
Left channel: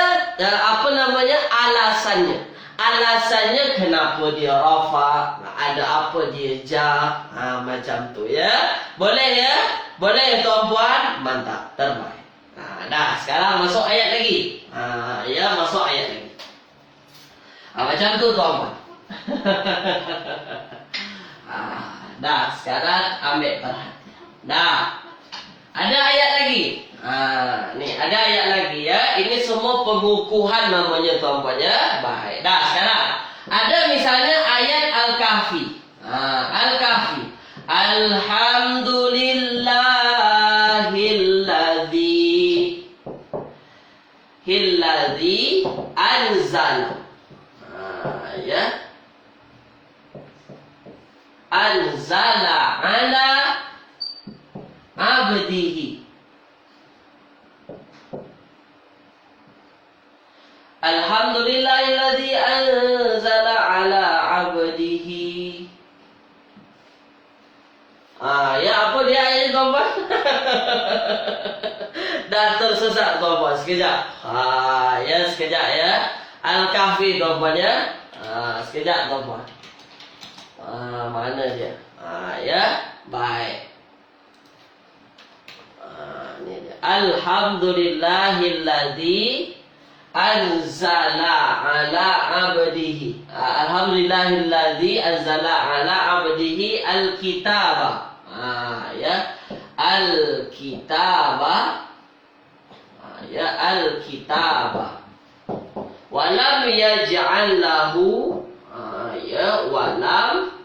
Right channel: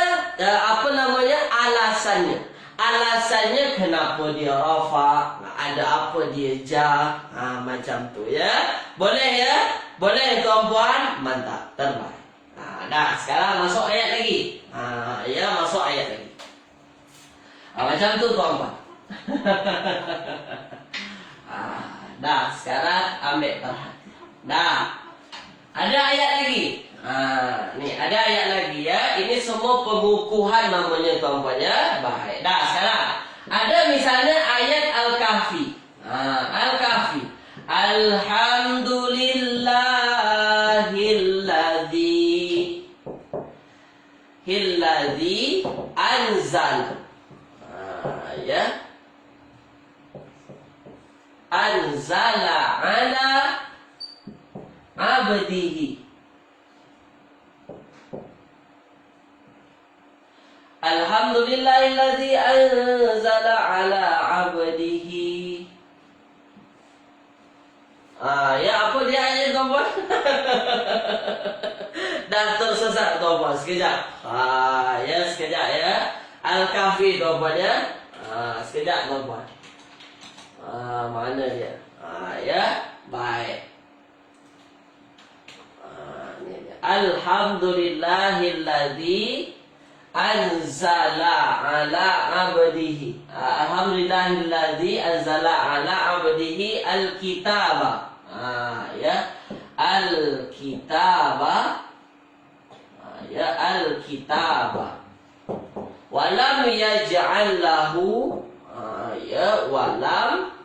alasannya. Alasannya kenapa dia rafa, ada apa dia jar, macam tu ya. Boleh ya? Boleh, tuan-puan? Mantap, terbaik. Dah, sekarang masuk ayat lagi. Ya, masuk ayat lagi. Macam tu, tuan-puan. Dah, sekarang ambil perhatian. Dah. Ada ayat lagi. Ni ada ayat lagi ya. Ini semua pengukuhan namanya, tuan-puan ya. Baik. Dah, sekarang ada misalnya ayat Al-Kahfi. Al-Kahfi. Alhamdulillahilladzi anzala. Ya. Anzala ala abdihi. Alhamdulillahilladzi anzala ala abdihi. Ya, apa dia ayat, tuan-puan? Dah tersesat, tuan-puan. Sekejap. Ya, sekejap ya. Al-Kahfi, tuan-puan ya. Sekejap, tuan-puan. Mana dia? Ya, baik. Ni dia. Alhamdulillahilladzi anzala ala abdihi. Alhamdulillahilladzi anzala ala abdihi al-kitaba. Ya, al-kitaba. Ya, al-kitaba. Walam yaj'al lahu. Ya, walam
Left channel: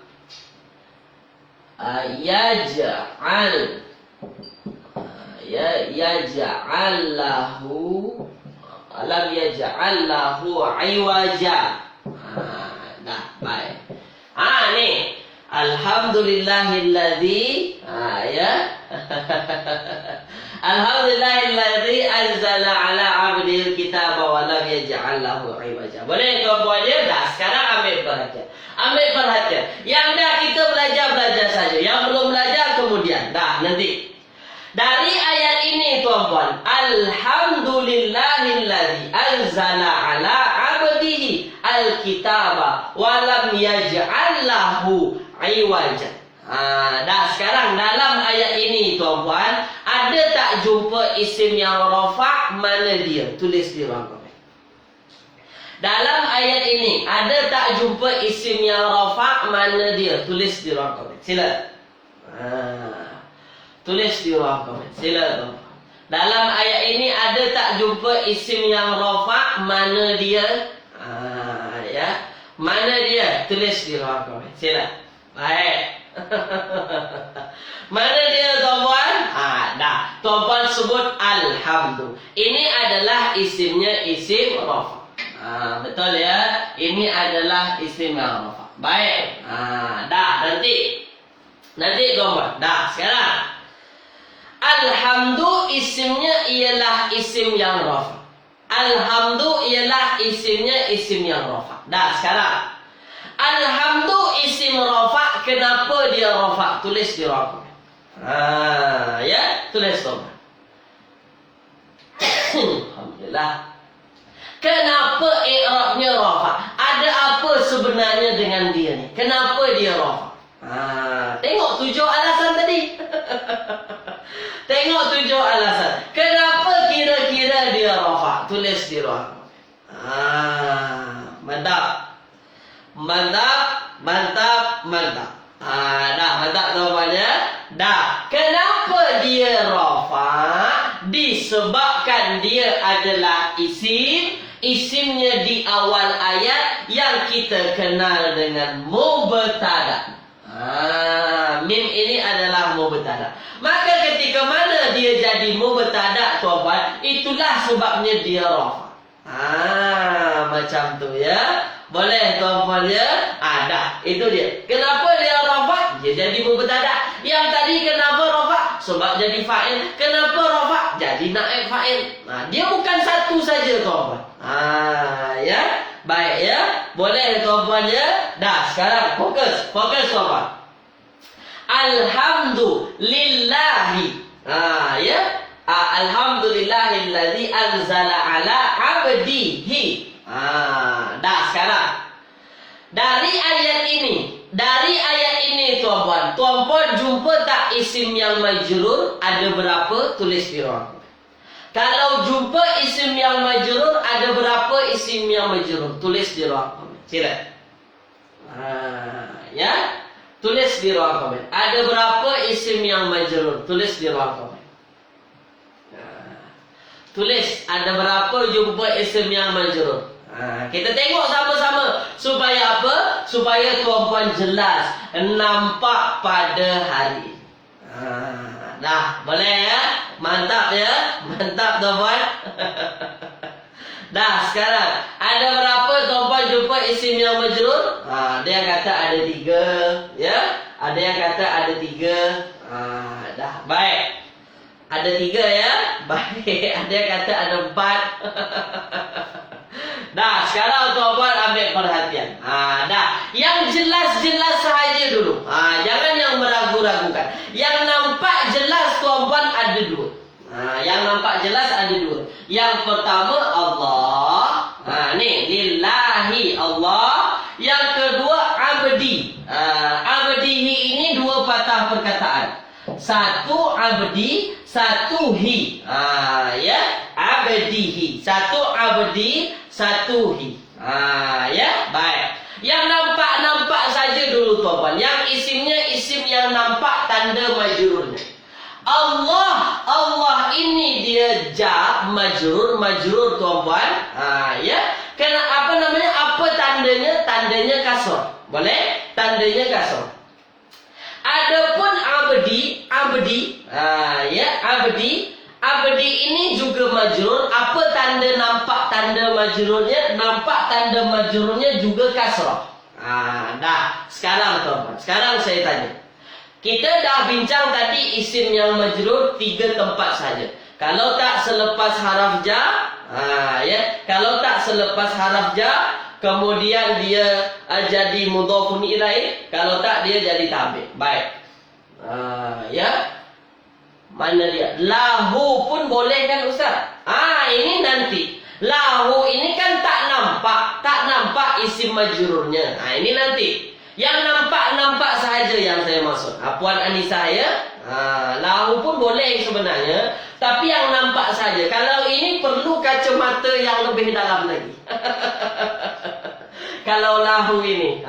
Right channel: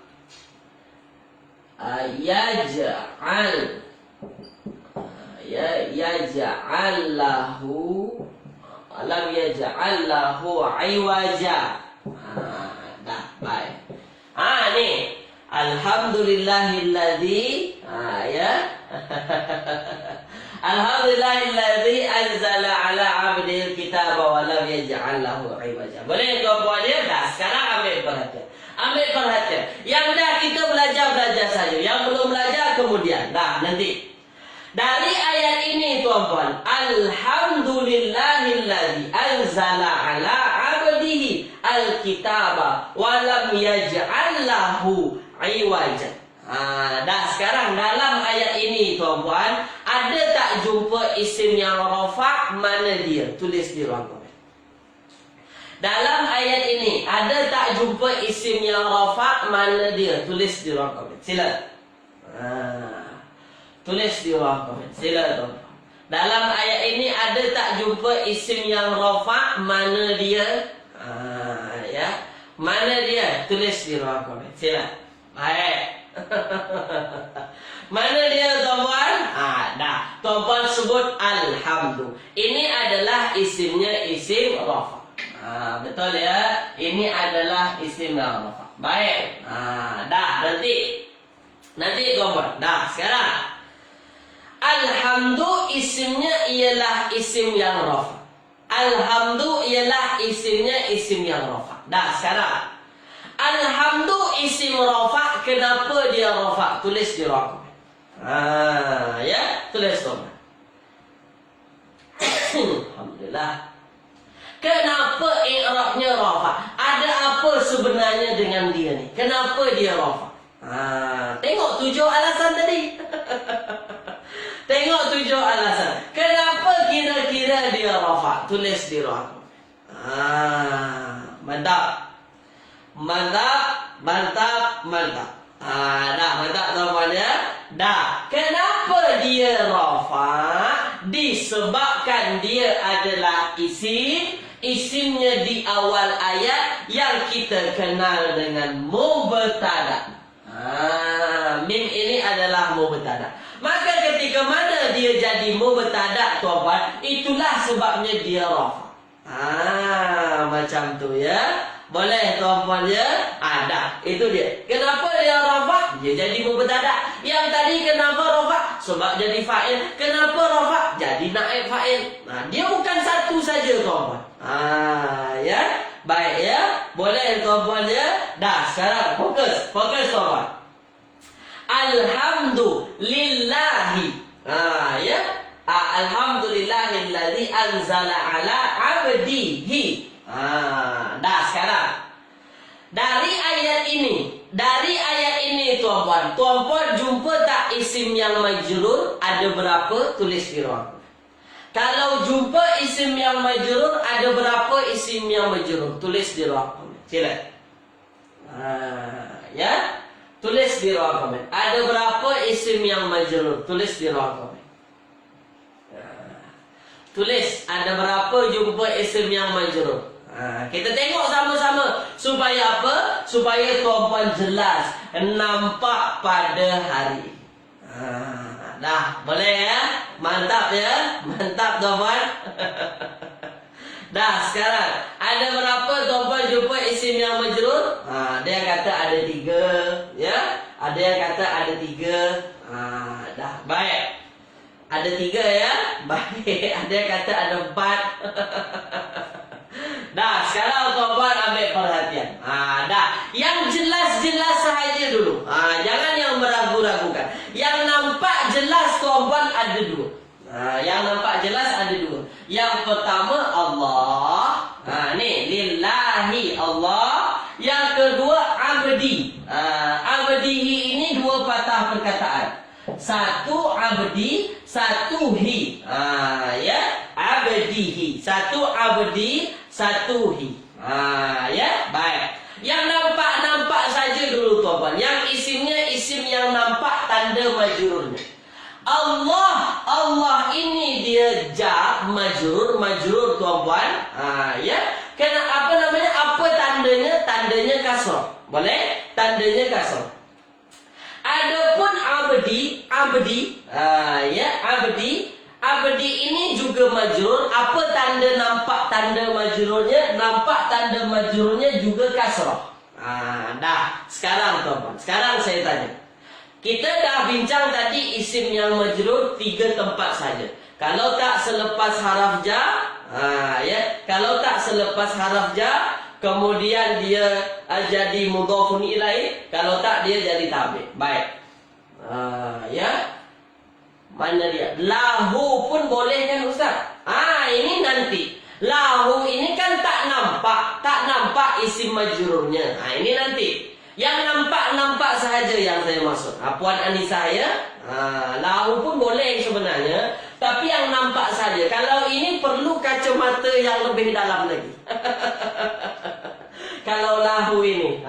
yaj'al. Ya, yaj'al lahu. Alam yaj'al lahu iwaja. Dah, baik. Ni alhamdulillahilladzi. Ya. Alhamdulillahilladzi anzala ala 'abdihil kitaba wa lam yaj'al lahu iwaja. Boleh, tuan-puan ya? Dah, sekarang ambil perhatian. Ambil perhatian. Yang dah kita belajar saja. Yang belum belajar kemudian. Dah, nanti. Dari ayat ini tuan-puan, alhamdulillahilladzi anzala ala abdihi alkitaba wa lam yaj'al lahu iwaja. Dah sekarang dalam ayat ini tuan-puan, ada tak jumpa isim yang rafa'? Mana dia? Tulis di ruang komen. Dalam ayat ini ada tak jumpa isim yang rafa'? Mana dia? Tulis di ruang komen. Sila. Tulis di ruang komen. Sila tuan. Dalam ayat ini ada tak jumpa isim yang rafa'? Mana dia? Ya. Mana dia? Tulis di ruang komen. Sila. Baik. Mana dia tuan-puan? Dah. Tuan-puan sebut alhamdu. Ini adalah isimnya isim rafa'. Betul ya? Ini adalah isim yang rafa'. Baik. Dah. Nanti tuan-puan. Dah. Sekarang alhamdu isimnya ialah isim yang rafa'. Alhamdu ialah isimnya isim yang rafa'. Dah sekarang. Alhamdu isim rafa'. Kenapa dia rafa'? Tulis di ruang komen. Ya, tulis tuan. Alhamdulillah. Kenapa i'rabnya rafa'? Ada apa sebenarnya dengan dia ni? Kenapa dia rafa'? Tengok 7 alasan tadi. Tengok 7 alasan. Kenapa kira-kira dia rafa'? Tulis di ruang. Mantap. Mantap. Dah, mantap tuan-puan ya. Dah. Kenapa dia rafa'? Disebabkan dia adalah isim. Isimnya di awal ayat yang kita kenal dengan mubtada'. Mim ini adalah mubtada'. Maka ketika mana dia jadi mubtada' tuan-puan, itulah sebabnya dia rafa'. Macam tu ya. Boleh tuan-puan ya? Dah, itu dia. Kenapa dia rafa'? Dia jadi mubtada'. Yang tadi kenapa rafa'? Sebab jadi fa'il. Kenapa rafa'? Jadi naib fa'il. Dia bukan satu saja tuan-puan. Ya. Baik ya. Boleh tuan-puan ya? Dah, sekarang fokus tuan-puan. Alhamdulillahi. Ya. Alhamdulillahilladzi anzala ala abdihi. Dah sekarang. Dari ayat ini tuan-puan jumpa tak isim yang majrur? Ada berapa? Tulis di ruang. Kalau jumpa isim yang majrur, ada berapa isim yang majrur? Tulis di ruang komen. Sila. Ya. Tulis di ruang komen. Ada berapa isim yang majrur? Tulis di ruang komen. Tulis. Ada berapa jumpa isim yang majrur? Kita tengok sama-sama. Supaya apa? Supaya tuan-puan jelas. Nampak pada hari. Dah, boleh ya? Mantap ya? Mantap tuan-puan. Dah, sekarang. Ada berapa tuan-puan jumpa isim yang majrur? Ada yang kata ada 3. Ya? Ada yang kata ada 3. Dah, baik. Ada 3 ya? Baik. Ada yang kata ada 4. Dah, sekarang tuan-puan ambil perhatian. Dah. Yang jelas-jelas sahaja dulu. Jangan yang meragu-ragukan. Yang nampak jelas tuan-puan ada 2. Yang nampak jelas ada 2. Yang pertama Allah. Ni lillahi Allah. Yang kedua abdi. Abdihi ini 2 patah perkataan. Satu abdi, satu hi. Ya, abdihi. Satu abdi, satu hi. Ya, baik. Yang nampak-nampak saja dulu tuan-puan. Yang isimnya isim yang nampak tanda majrurnya. Allah ini dia jar majrur tuan-puan. Ya. Apa namanya? Apa tandanya? Tandanya kasrah. Boleh? Tandanya kasrah. Adapun abdi, ya, abdi ini juga majrur. Apa tanda nampak tanda majrurnya? Nampak tanda majrurnya juga kasrah. Dah, sekarang tuan-tuan. Sekarang saya tanya. Kita dah bincang tadi isim yang majrur 3 tempat saja. Kalau tak selepas haraf jar, ya, kalau tak selepas haraf jar, kemudian dia jadi mudhafun ilaih. Kalau tak dia jadi tabi'. Baik. Ya. Mana dia? Lahu pun boleh kan Ustaz? Ini nanti. Lahu ini kan tak nampak isim majrurnya. Ini nanti. Yang nampak sahaja yang saya maksud. Puan Anissa ya. Lahu pun boleh sebenarnya, tapi yang nampak saja. Kalau ini perlu kacamata yang lebih dalam lagi. Kalau lahu ini,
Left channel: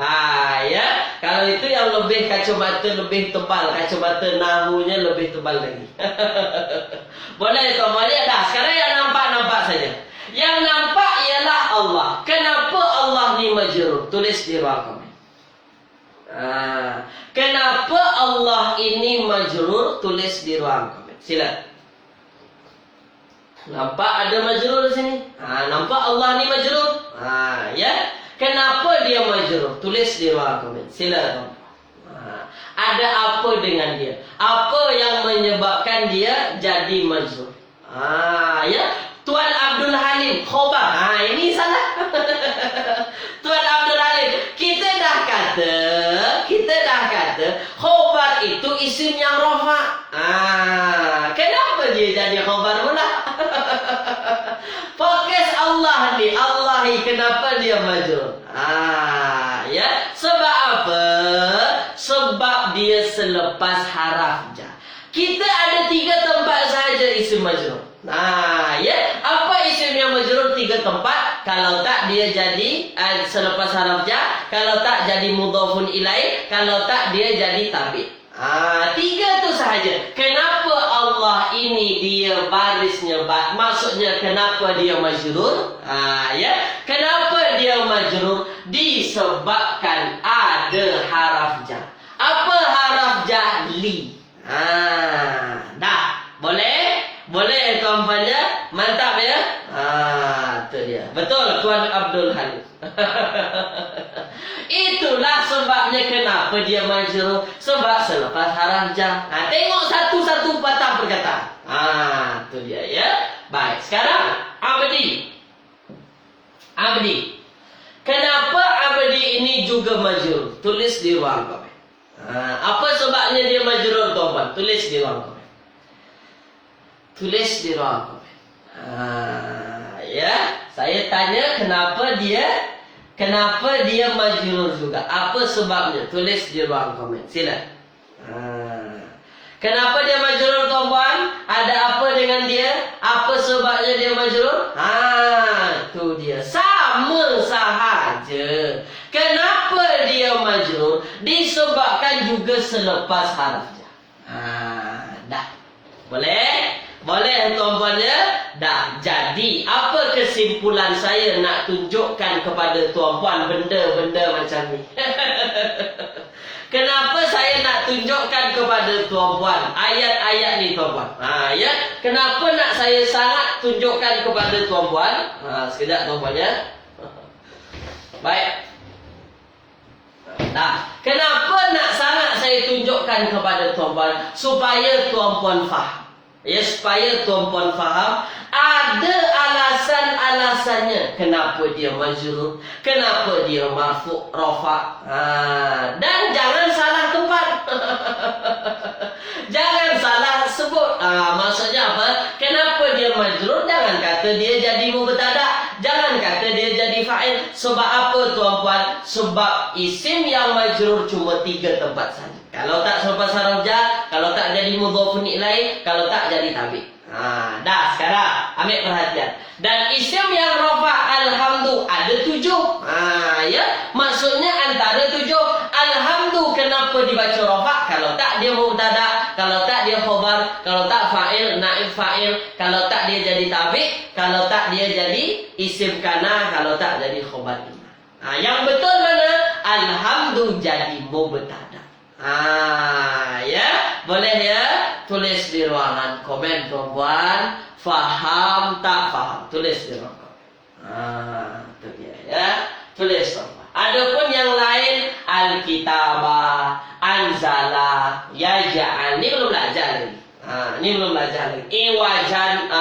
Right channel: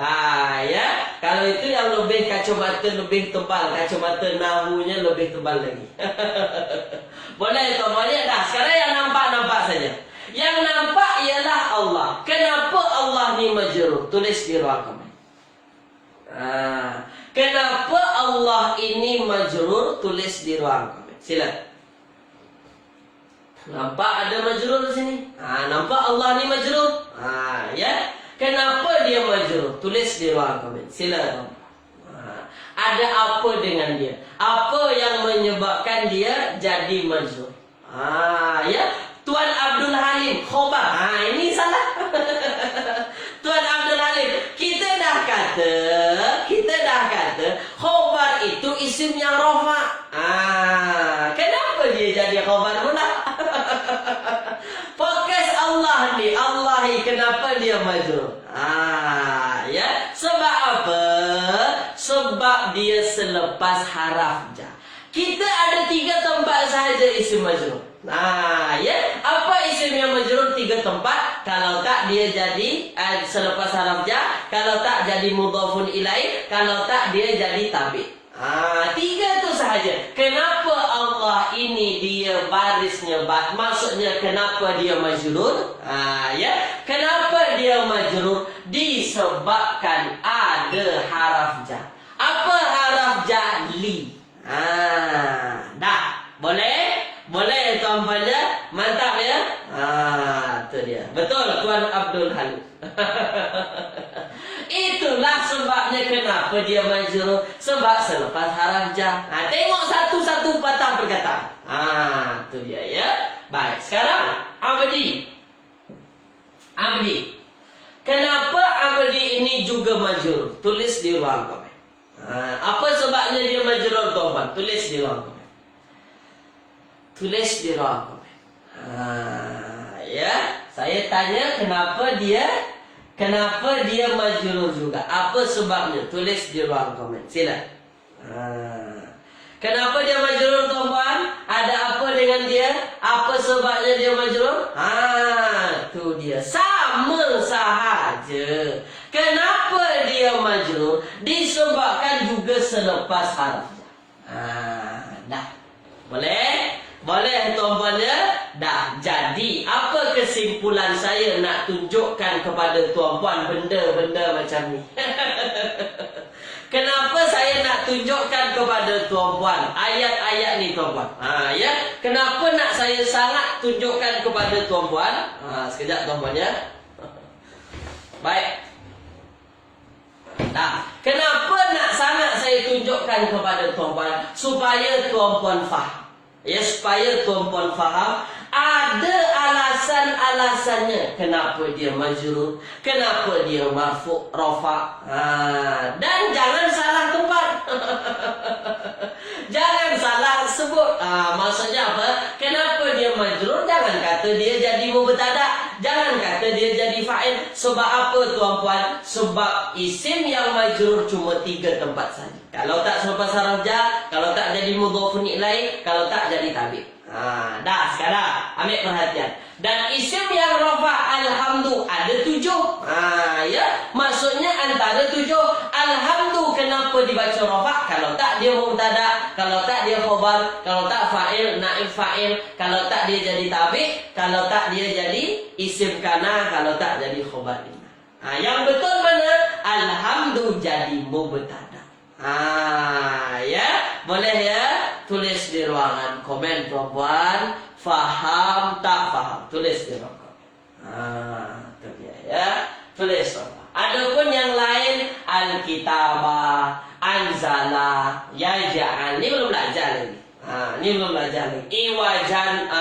ya. Kalau itu yang lebih kacamata lebih tebal, kacamata nahunya lebih tebal lagi. Boleh tu, boleh dah. Sekarang yang nampak saja. Yang nampak ialah Allah. Kenapa Allah ni majrur? Tulis di ruang komen. Kenapa Allah ini majrur? Tulis di ruang komen. Silakan. Nampak ada majrur di sini? Nampak Allah ni majrur? Ya. Kenapa dia majrur? Tulis di ruang komen. Silakan. Ada apa dengan dia? Apa yang menyebabkan dia jadi majrur? Ya. Tuan Abdul Halim khobar. Ini salah. Tuan Abdul Halim, kita dah kata khobar itu isim yang rafa. Kenapa dia jadi khobar pula? Fokus Allah ni, kenapa dia majrur? Ya, sebab apa? Sebab dia selepas haraf jar. Kita ada 3 tempat sahaja isim majrur. Ya, apa isim yang majrur 3 tempat? Kalau tak dia jadi selepas haraf jar, kalau tak jadi mudhafun ilaih, kalau tak dia jadi tabi'. 3 tu sahaja. Kenapa Allah ini dia barisnya maksudnya kenapa dia majrur? Ya, kenapa dia majrur? Disebabkan ada haraf jar. Apa haraf jar? Li. Dah, boleh? Boleh tuan-puan ya? Mantap ya? Itu dia. Betul Tuan Abdul Halim. Itulah sebabnya kenapa dia majrur. Sebab selepas haraf jar. Tengok satu-satu patah perkataan. Itu dia ya. Baik, sekarang Abdi. Kenapa Abdi ini juga majrur? Tulis di ruang komen. Apa sebabnya dia majrur tuan-puan? Tulis di ruang komen. Tulis di ruang komen. Ya, saya tanya kenapa dia majrur juga? Apa sebabnya? Tulis di ruang komen. Sila. Kenapa dia majrur tuan-puan? Ada apa dengan dia? Apa sebabnya dia majrur? Tu dia. Sama sahaja. Kenapa dia majrur? Disebabkan juga selepas haraf jar. Dah. Boleh? Boleh tuan-puan ya? Dah. Jadi, apa kesimpulan saya nak tunjukkan kepada tuan-puan benda-benda macam ni? Kenapa saya nak tunjukkan kepada tuan-puan ayat-ayat ni tuan-puan? Ya. Kenapa nak saya sangat tunjukkan kepada tuan-puan? Sekejap tuan-puan ya. Baik. Dah. Kenapa nak sangat saya tunjukkan kepada tuan-puan? Supaya tuan-puan faham. Ya, supaya tuan-puan faham ada alasan-alasannya kenapa dia majrur, kenapa dia marfu' rafa'. Dan jangan salah tempat. Jangan salah sebut. Maksudnya apa? Kenapa dia majrur? Jangan kata dia jadi mubtada', jangan kata dia jadi fa'il. Sebab apa tuan-puan? Sebab isim yang majrur cuma 3 tempat saja. Kalau tak selepas haraf jar, kalau tak jadi mudhafun ilaih, kalau tak jadi tabi'. Dah sekarang ambil perhatian. Dan isim yang rafa' alhamdu ada 7. Ya, maksudnya antara 7. Alhamdu kenapa dibaca rafa'? Kalau tak dia mubtada', kalau tak dia khabar, kalau tak fa'il, naib fa'il, kalau tak dia jadi tabi', kalau tak dia jadi isim kana, kalau tak jadi khabar inna. Yang betul mana? Alhamdu jadi mubtada'. Ya, boleh ya? Tulis di ruangan komen tuan-puan. Faham tak faham? Tulis di ruangan komen. Itu dia ya. Tulis tuan-puan. Adapun yang lain, Alkitabah, Anzala, Yaja'an, ini belum belajar lagi. Ini belum belajar lagi. Iwajan,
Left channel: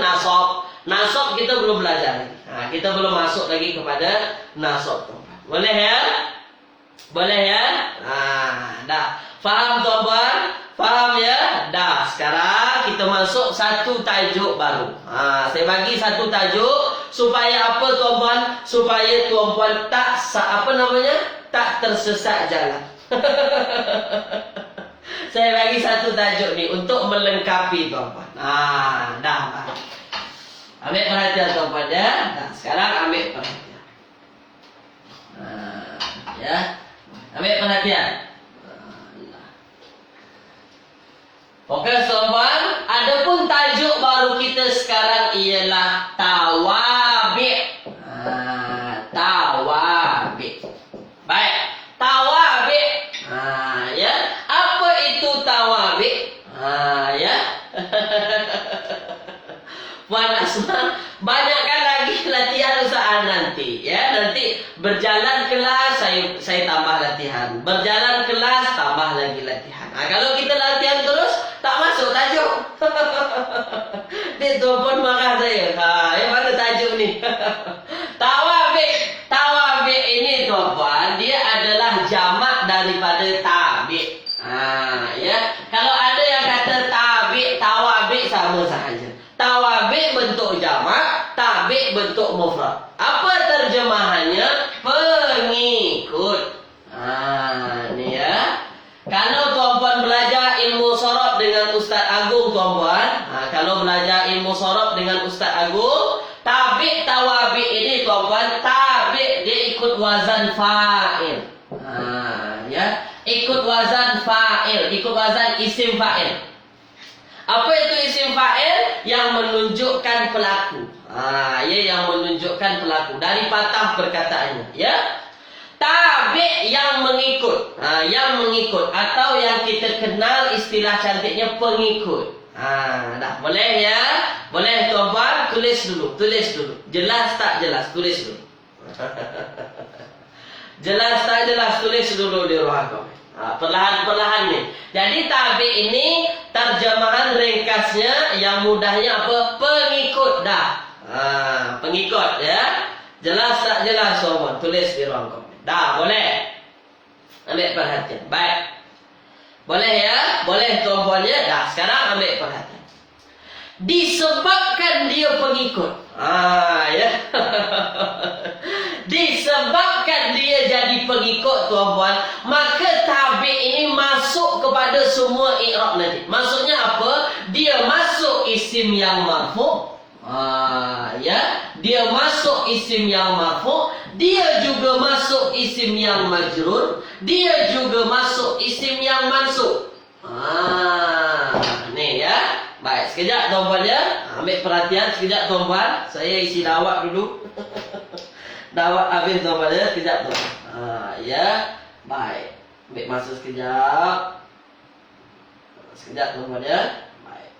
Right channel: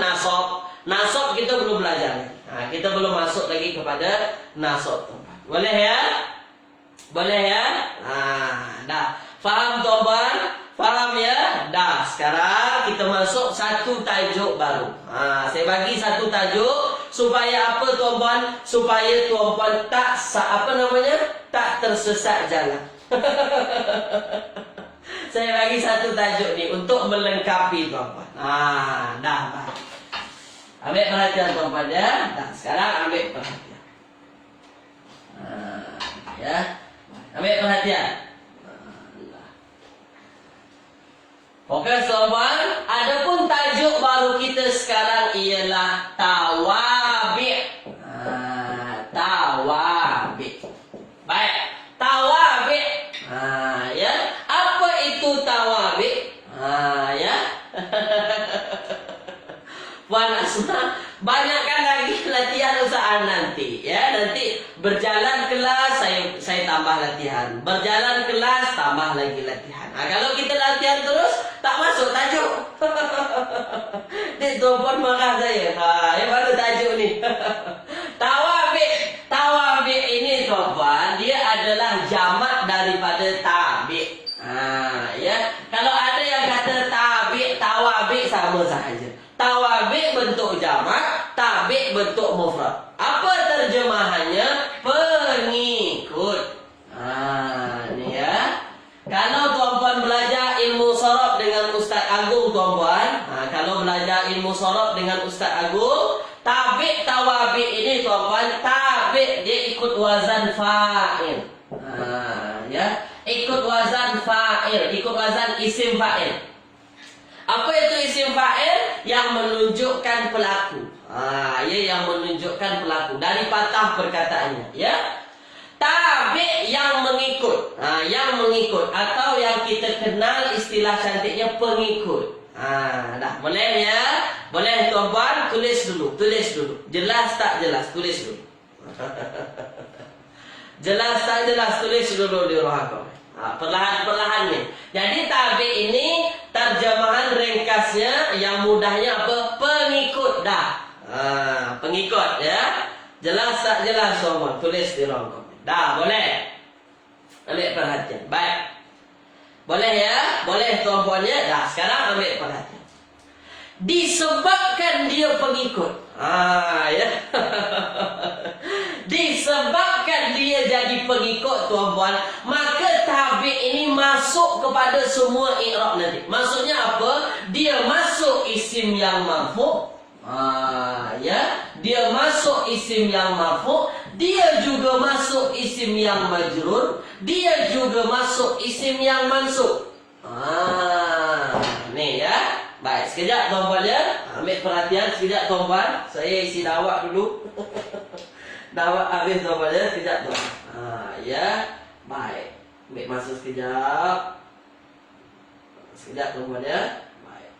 nasab. Nasab kita belum belajar lagi. Kita belum masuk lagi kepada nasab tuan-puan. Boleh ya? Boleh ya? Dah. Faham tuan-puan? Faham ya? Dah, sekarang kita masuk satu tajuk baru. Saya bagi satu tajuk supaya apa tuan-puan? Supaya tuan-puan tak tak tersesat jalan. Saya bagi satu tajuk ni untuk melengkapi tuan-puan. Dah. Ambil perhatian tuan-puan ya. Dah, sekarang ambil perhatian. Ya. Ambil perhatian. Okey tuan-puan, adapun tajuk baru kita sekarang ialah tawabi'. Tawabi'. Baik, tawabi'. Ya. Apa itu tawabi'? Ya. Puan Asma, banyakkan lagi latihan usaha nanti, ya. Nanti berjalan kelas saya tambah latihan. Berjalan kelas tambah lagi latihan. Kalau kita latihan terus tak masuk tajuk. Dia tuan marah saya. Yang mana tajuk ni? Tawabi' ini tuan-puan, dia adalah jamak daripada tabi'. Ya. Kalau ada yang kata tawabi' sama sahaja. Tawabi' bentuk jamak, tabi' bentuk mufrad. Apa terjemahannya? Pengikut. Ni ya. Kalau tuan-puan belajar ilmu sorof dengan Ustaz Agung tuan-puan, kalau belajar ilmu sorof dengan Ustaz Agung, tabi' tawabi' ini tuan-puan, tabi' dia ikut wazan fa'il. Ya, ikut wazan fa'il, ikut wazan isim fa'il. Apa itu isim fa'il? Yang menunjukkan pelaku. Yang menunjukkan pelaku dari patah perkataannya, ya. Tabi' yang mengikut. Yang mengikut atau yang kita kenal istilah cantiknya pengikut. Dah, boleh ya? Boleh tuan-puan, tulis dulu. Jelas tak jelas? Tulis dulu. Jelas tak jelas? Tulis dulu di rohakom. Perlahan-perlahan ni. Jadi tabi' ini terjemahan ringkasnya yang mudahnya apa? Pengikut dah. Pengikut ya. Jelas tak jelas semua? Tulis di ruang komen. Dah, boleh. Ambil perhatian. Baik. Boleh ya? Boleh tuan-puan ya? Dah, sekarang ambil perhatian. Disebabkan dia pengikut. Ya. Disebabkan dia jadi pengikut tuan-puan, maka tabi' ini masuk kepada semua i'rab nanti. Maksudnya apa? Dia masuk isim yang marfu'. Ya, dia masuk isim yang marfu', dia juga masuk isim yang majrur, dia juga masuk isim yang mansub. Ni ya. Baik, sekejap tuan-puan ya. Ambil perhatian sekejap tuan-puan. Saya isi dawak dulu. Dawak habis tuan-puan ya, sekejap tuan. Ya. Baik. Ambil masa sekejap. Sekejap tuan-puan ya. Baik.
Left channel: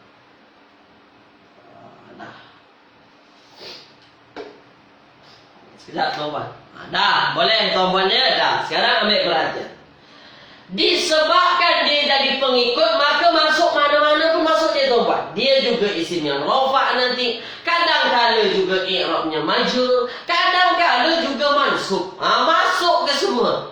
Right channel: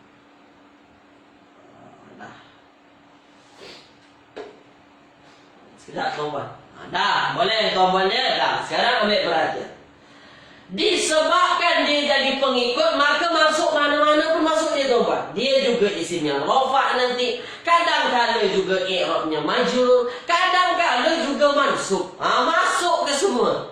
Dah. Sekejap tuan-puan. Dah, boleh tuan-puan ya. Dah, sekarang ambil perhatian. Disebabkan dia jadi pengikut, maka masuk mana-mana pun masuk dia tuan-puan. Dia juga isim yang rafa' nanti. Kadang-kadang juga i'rabnya majrur, kadang-kadang juga mansub. Masuk ke semua.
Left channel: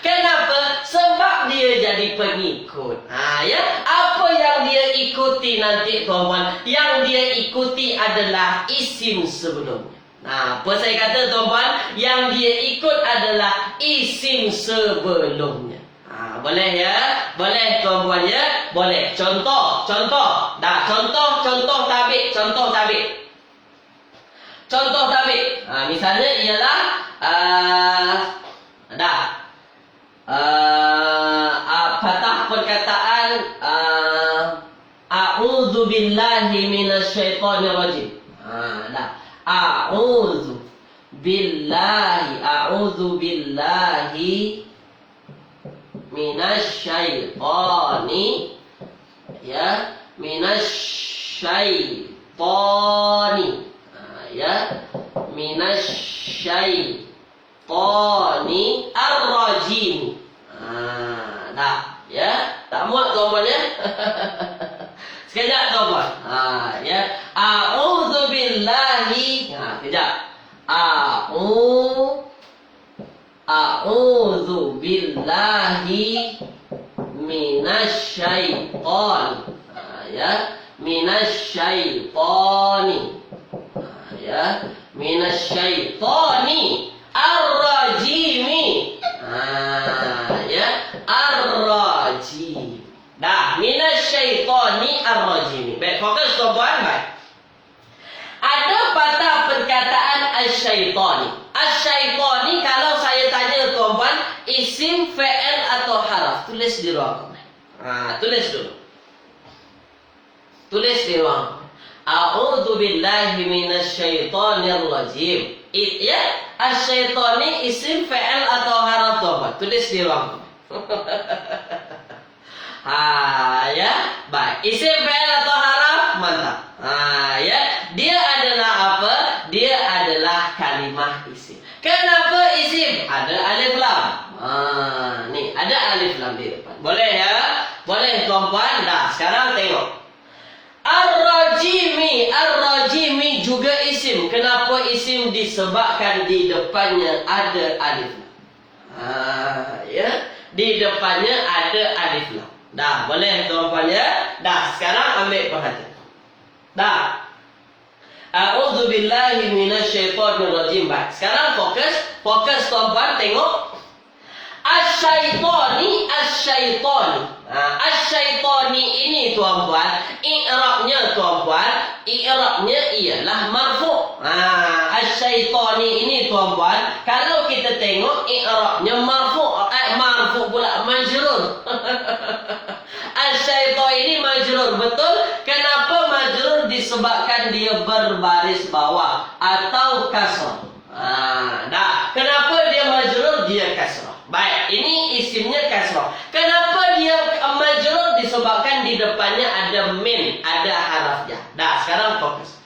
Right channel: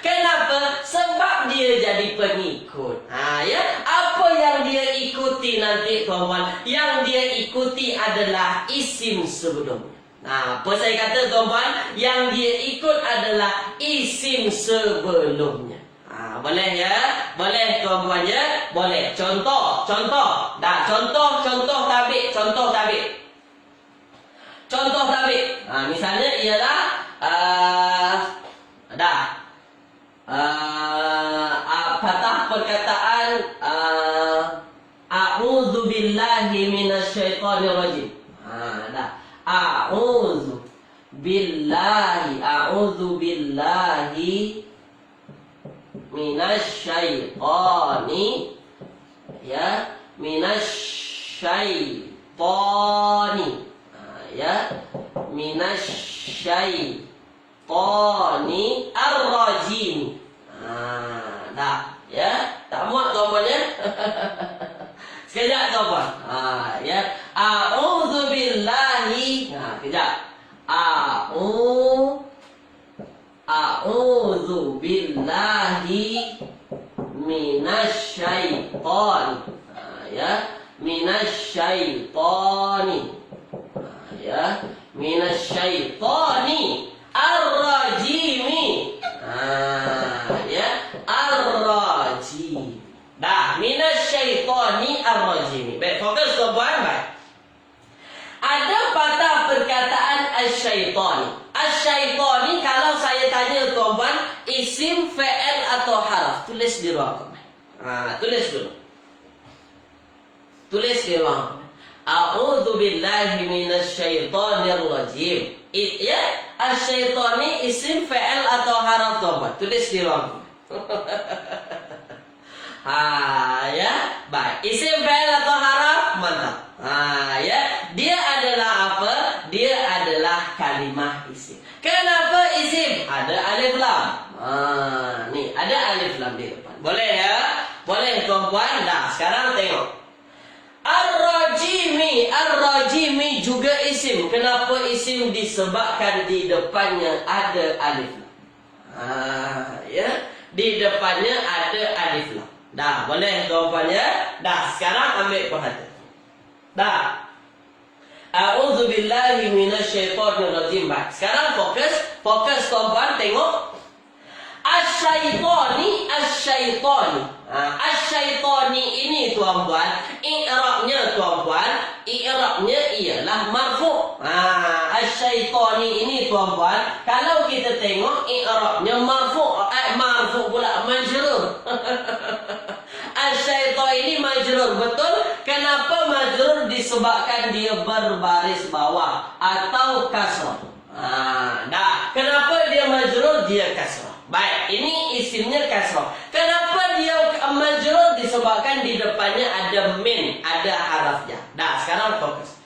Kenapa? Sebab dia jadi pengikut. Ya, apa yang dia ikuti nanti tuan-puan? Yang dia ikuti adalah isim sebelumnya. Apa saya kata tuan-puan? Yang dia ikut adalah isim sebelumnya. Boleh ya? Boleh tuan-puan ya? Boleh. Contoh. Dah, contoh tabi'. Contoh tabi'. Misalnya ialah patah perkataan a'udzu billahi minasyaitonir rajim. A'udzu billahi minasyaitoni, ya, minasyaitoni, ya, minasyaitoni ar-rajim. Dah, ya, tak muat tuan-puan ya. Sekejap tuan-puan. Ya, a'udzu billahi. Kejap. A'udzu billahi minasyaitani. Ya, minasyaitani. Ya, minasyaitani ar-rajimi. Ya, ar-rajim. Dah, minasyaitani ar-rajimi. Baik, fokus tuan-tuan, baik. Ada patah perkataan asyaitani. Asyaitani kalau saya tanya tuan-tuan, isim, fi'il atau haraf? Tulis di ruang komen. Tulis dulu. Tulis di ruang komen. A'udzu billahi minasyaitonir rajim. Ya, asyaitani isim, fi'il atau haraf tuan-tuan? Tulis di ruang komen. Ya, baik. Isim, fi'il atau haraf? Mantap. Ya, dia adalah apa? Dia adalah kalimah isim. Kenapa isim? Ada alif lam. Nih, ada alif lam di depan. Boleh ya? Boleh tuan-puan? Dah, sekarang tengok. Ar-rajimi, ar-rajimi juga isim. Kenapa isim? Disebabkan di depannya ada alif lam. Ya, di depannya ada alif lam. Dah, boleh tuan-puan ya? Dah, sekarang ambil perhatian. Dah. A'udzu billahi minasyaitonir rajim. Baik, sekarang fokus tuan-tuan tengok. Asyaitani, asyaitani. Asyaitani ini tuan-tuan, i'rabnya tuan-tuan, i'rabnya ialah marfu'. Asyaitani ini tuan-tuan, kalau kita tengok i'rabnya marfu', marfu' pula majrur. Asyaitan ini majrur, betul? Kenapa majrur? Disebabkan dia berbaris bawah atau kasrah. Kenapa dia majrur? Dia kasrah. Baik, ini isimnya kasrah. Kenapa dia majrur? Disebabkan di depannya ada min, ada haraf ya. Sekarang fokus.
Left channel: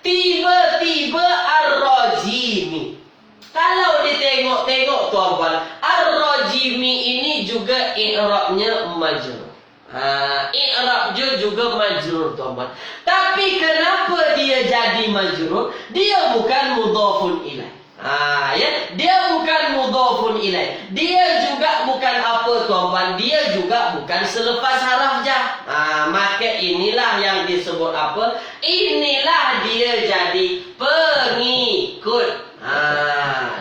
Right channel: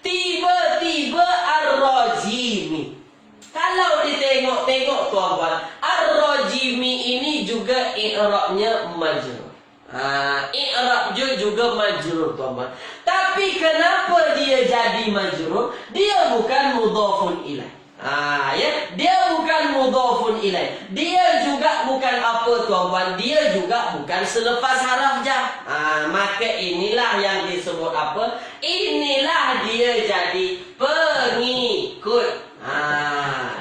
Tiba-tiba ar-rajimi. Kalau ditengok-tengok tuan-tuan, ar-rajimi ini juga i'rabnya majrur. I'rab juga majrur tuan-tuan. Tapi kenapa dia jadi majrur? Dia bukan mudhafun ilaih. Ya, dia bukan mudhafun ilaih. Dia juga bukan apa tuan-tuan? Dia juga bukan selepas haraf jar. Maka inilah yang disebut apa? Inilah dia jadi pengikut.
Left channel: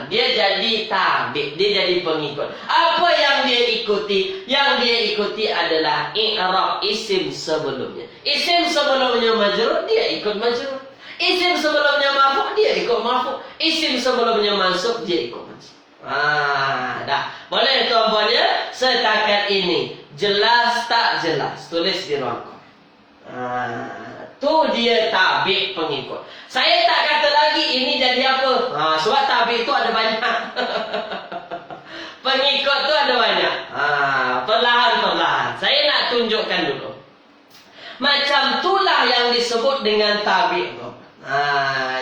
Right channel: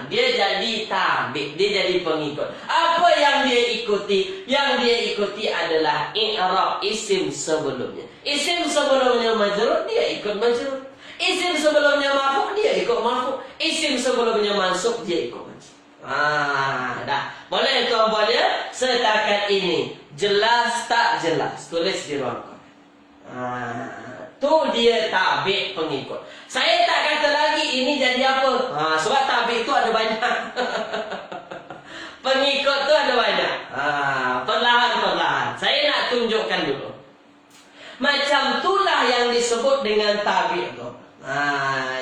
Dia jadi tabi', dia jadi pengikut. Apa yang dia ikuti? Yang dia ikuti adalah i'rab isim sebelumnya. Isim sebelumnya majrur, dia ikut majrur. Isim sebelumnya marfu', dia ikut marfu'. Isim sebelumnya mansub, dia ikut mansub. Dah. Boleh tuan-puan ya? Setakat ini jelas tak jelas? Tulis di ruang komen. Tu dia tabi' pengikut. Saya tak kata lagi ini jadi apa? Sebab tabi' itu ada banyak. Pengikut tu ada banyak. Perlahan-perlahan. Saya nak tunjukkan dulu. Macam itulah yang disebut dengan tabi' tu.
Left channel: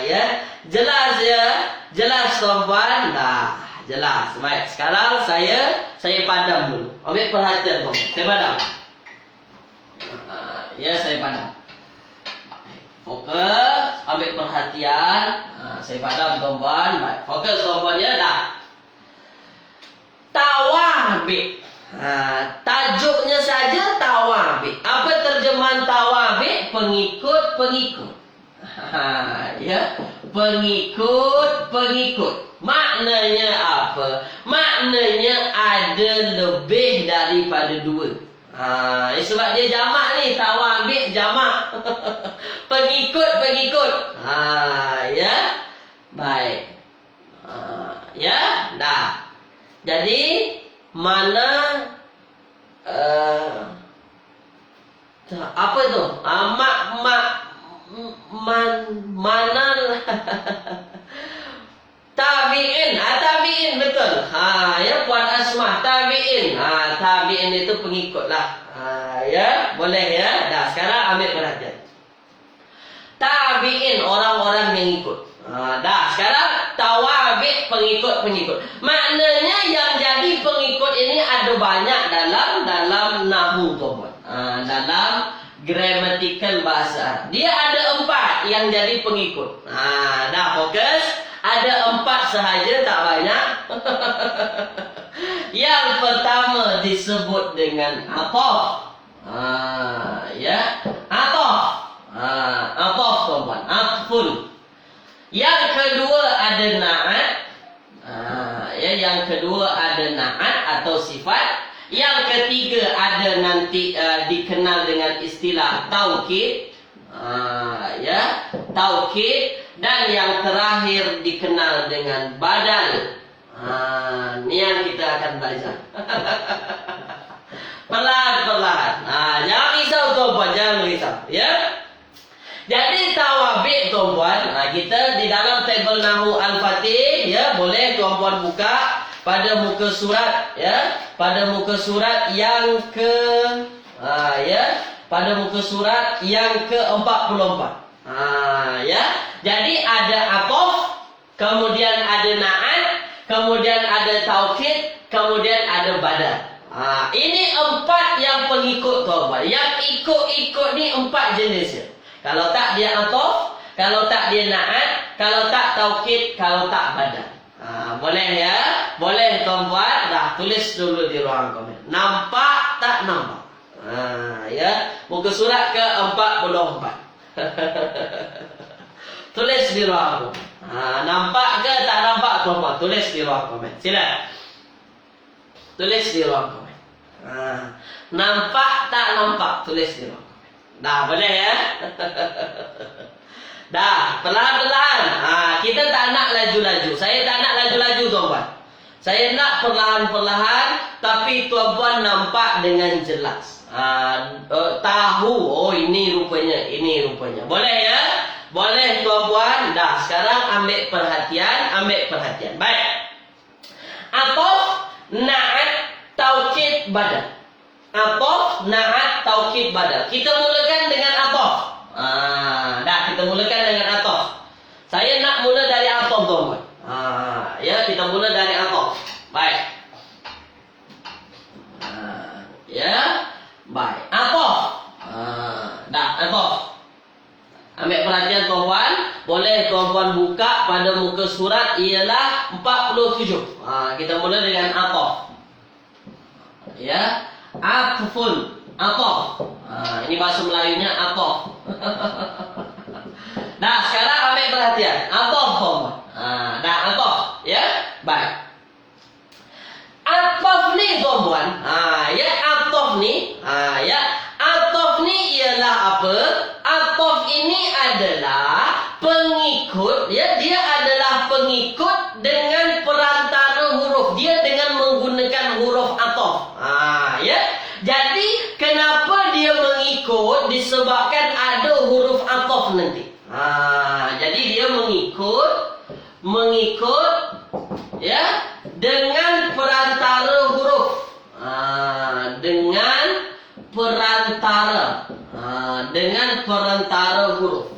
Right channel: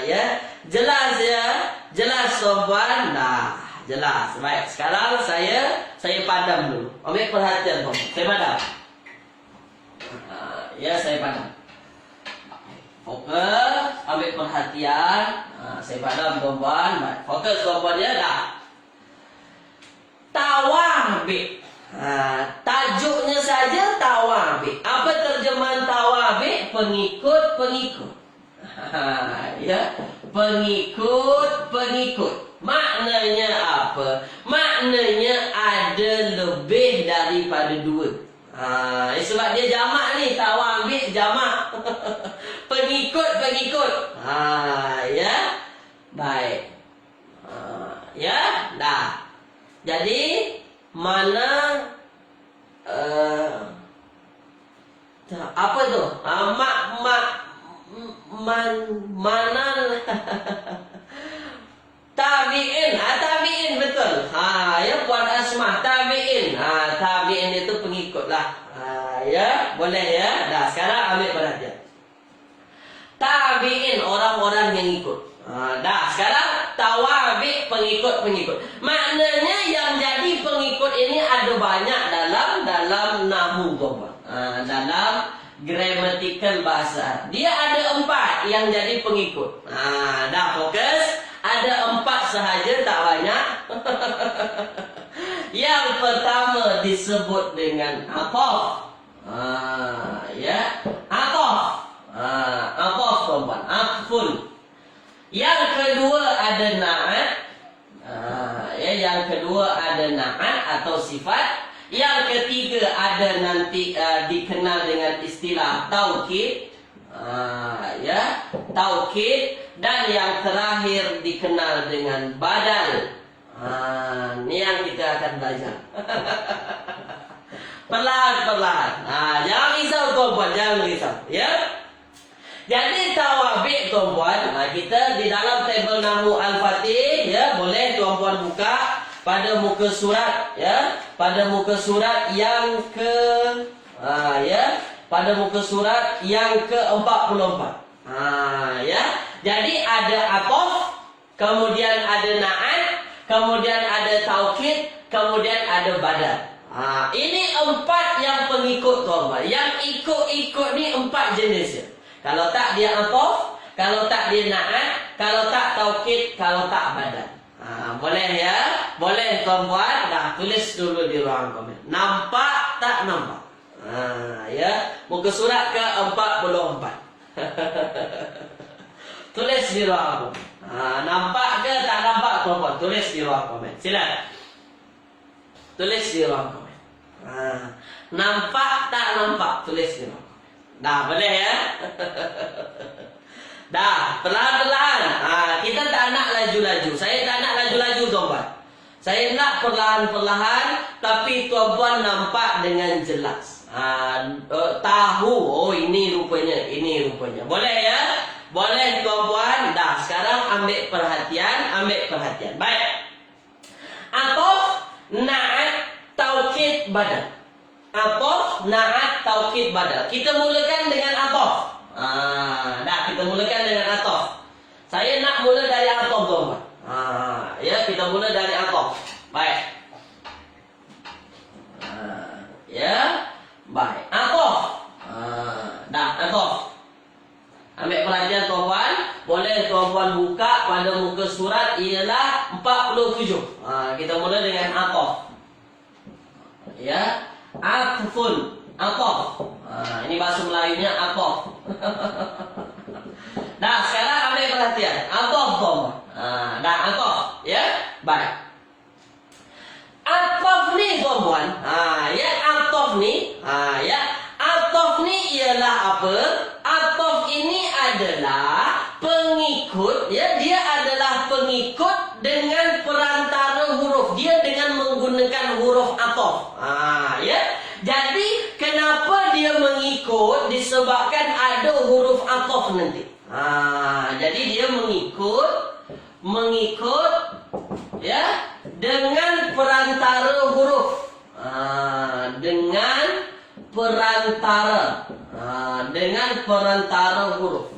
Ya, jelas ya? Jelas tuan-puan? Dah, jelas. Baik, sekarang saya padam dulu. Ambil perhatian tuan. Saya padam. Ya, saya padam. Fokus, ambil perhatian. Saya padam tuan-tuan. Baik, fokus tuan-tuan ya. Dah. Tawabi'. Tajuknya saja tawabi'. Apa terjemahan tawabi'? Pengikut-pengikut. Ya, pengikut-pengikut. Maknanya apa? Maknanya ada lebih daripada dua. Sebab dia jamak ni, tawabi' jamak. Pengikut-pengikut. Ya. Baik. Ya, dah. Jadi mana apa itu? Mana tabi'in. Tabi'in betul. Ya, Puan Asmah, tabi'in. Tabi'in itu pengikut lah. Ya, boleh ya. Dah, sekarang ambil perhatian. Tabi'in, orang-orang yang ikut. Dah, sekarang tawabi' pengikut-pengikut. Maknanya yang jadi pengikut ini ada banyak dalam nahwu tuan. Dalam grammatical bahasa. Dia ada 4 yang jadi pengikut. Dah fokus. Ada 4 sahaja, tak banyak. Yang pertama disebut dengan ataf. Ya, ataf. Ataf tuan-tuan, atfun. Yang kedua ada na'at. Ya, yang kedua ada na'at atau sifat. Yang ketiga ada nanti dikenal dengan istilah taukid. Ya, taukid. Dan yang terakhir dikenal dengan badal. Ini yang kita akan belajar. Perlahan-perlahan. Jangan risau tuan-tuan, jangan risau. Ya. Jadi tawabik tuan-puan, kita di dalam tabel Nahwu Al-Fatih, ya, boleh tuan-puan buka pada muka surat, ya, pada muka surat yang ke ya, pada muka surat yang ke-44. Ya. Jadi ada ataf, kemudian ada na'at, kemudian ada taukid, kemudian ada badal. Ini 4 yang pengikut tuan-puan. Yang ikut-ikut ni 4 jenis ya. Kalau tak dia ataf, kalau tak dia na'at, kalau tak taukid, kalau tak badal. Boleh ya? Boleh tuan-puan. Dah tulis dulu di ruang komen. Nampak tak nampak? Ya, muka surat ke-44. Tulis di ruang komen. Nampak ke tak nampak tuan-puan? Tulis di ruang komen. Sila. Tulis di ruang komen. Nampak tak nampak? Tulis di ruang komen. Dah boleh ya? Dah, perlahan-perlahan. Kita tak nak laju-laju. Saya tak nak laju-laju tuan-puan. Saya nak perlahan-perlahan, tapi tuan-puan nampak dengan jelas. Tahu, oh ini rupanya, ini rupanya. Boleh ya? Boleh tuan-puan. Dah, sekarang ambil perhatian, Baik. Ataf, na'at, taukid, badal. Ataf, na'at, taukid, badal. Kita mulakan dengan ataf. Dah, kita mulakan dengan ataf. Saya nak mula dari ataf tuan-tuan. Ya, kita mula dari ataf. Baik. Ya, baik. Ataf. Dah, ataf. Ambil perhatian tuan-tuan. Boleh tuan-tuan buka pada muka surat ialah 47. Kita mula dengan ataf. Ya, atfun, ataf. Ini bahasa Melayunya ataf. Dah, sekarang ambil perhatian. Ataf tuan-tuan. Dah, ataf. Ya, baik. Ataf ni tuan-tuan. Ya, ataf ni. Ya, ataf ni ialah apa? Ataf ini adalah pengikut. Ya, dia adalah pengikut dengan perantara huruf. Dia dengan menggunakan huruf ataf. Ya. Jadi kenapa dia mengikut? Disebabkan ada huruf ataf nanti. Jadi dia mengikut ya dengan perantara huruf. Dengan perantara huruf.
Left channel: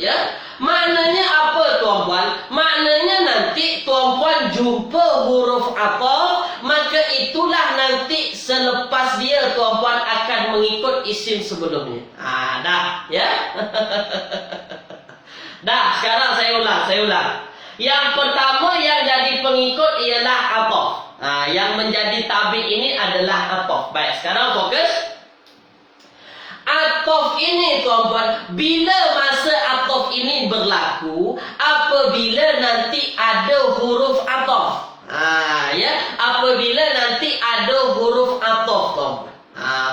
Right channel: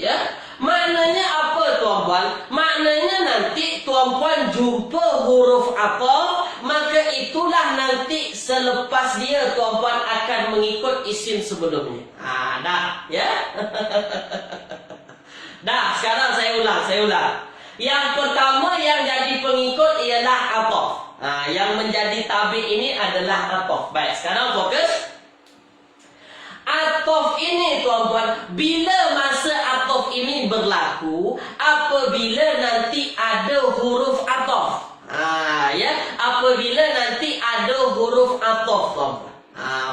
Ya. Maknanya apa tuan-puan? Maknanya nanti tuan-puan jumpa huruf ataf, maka itulah nanti selepas dia tuan-puan akan mengikut isim sebelumnya. Dah, ya. Dah, sekarang saya ulang. Yang pertama yang jadi pengikut ialah ataf. Yang menjadi tabi ini adalah ataf. Baik, sekarang fokus. Ataf ini tuan-tuan, bila masa ataf ini berlaku? Apabila nanti ada huruf ataf. Ya, apabila nanti ada huruf ataf tuan-tuan.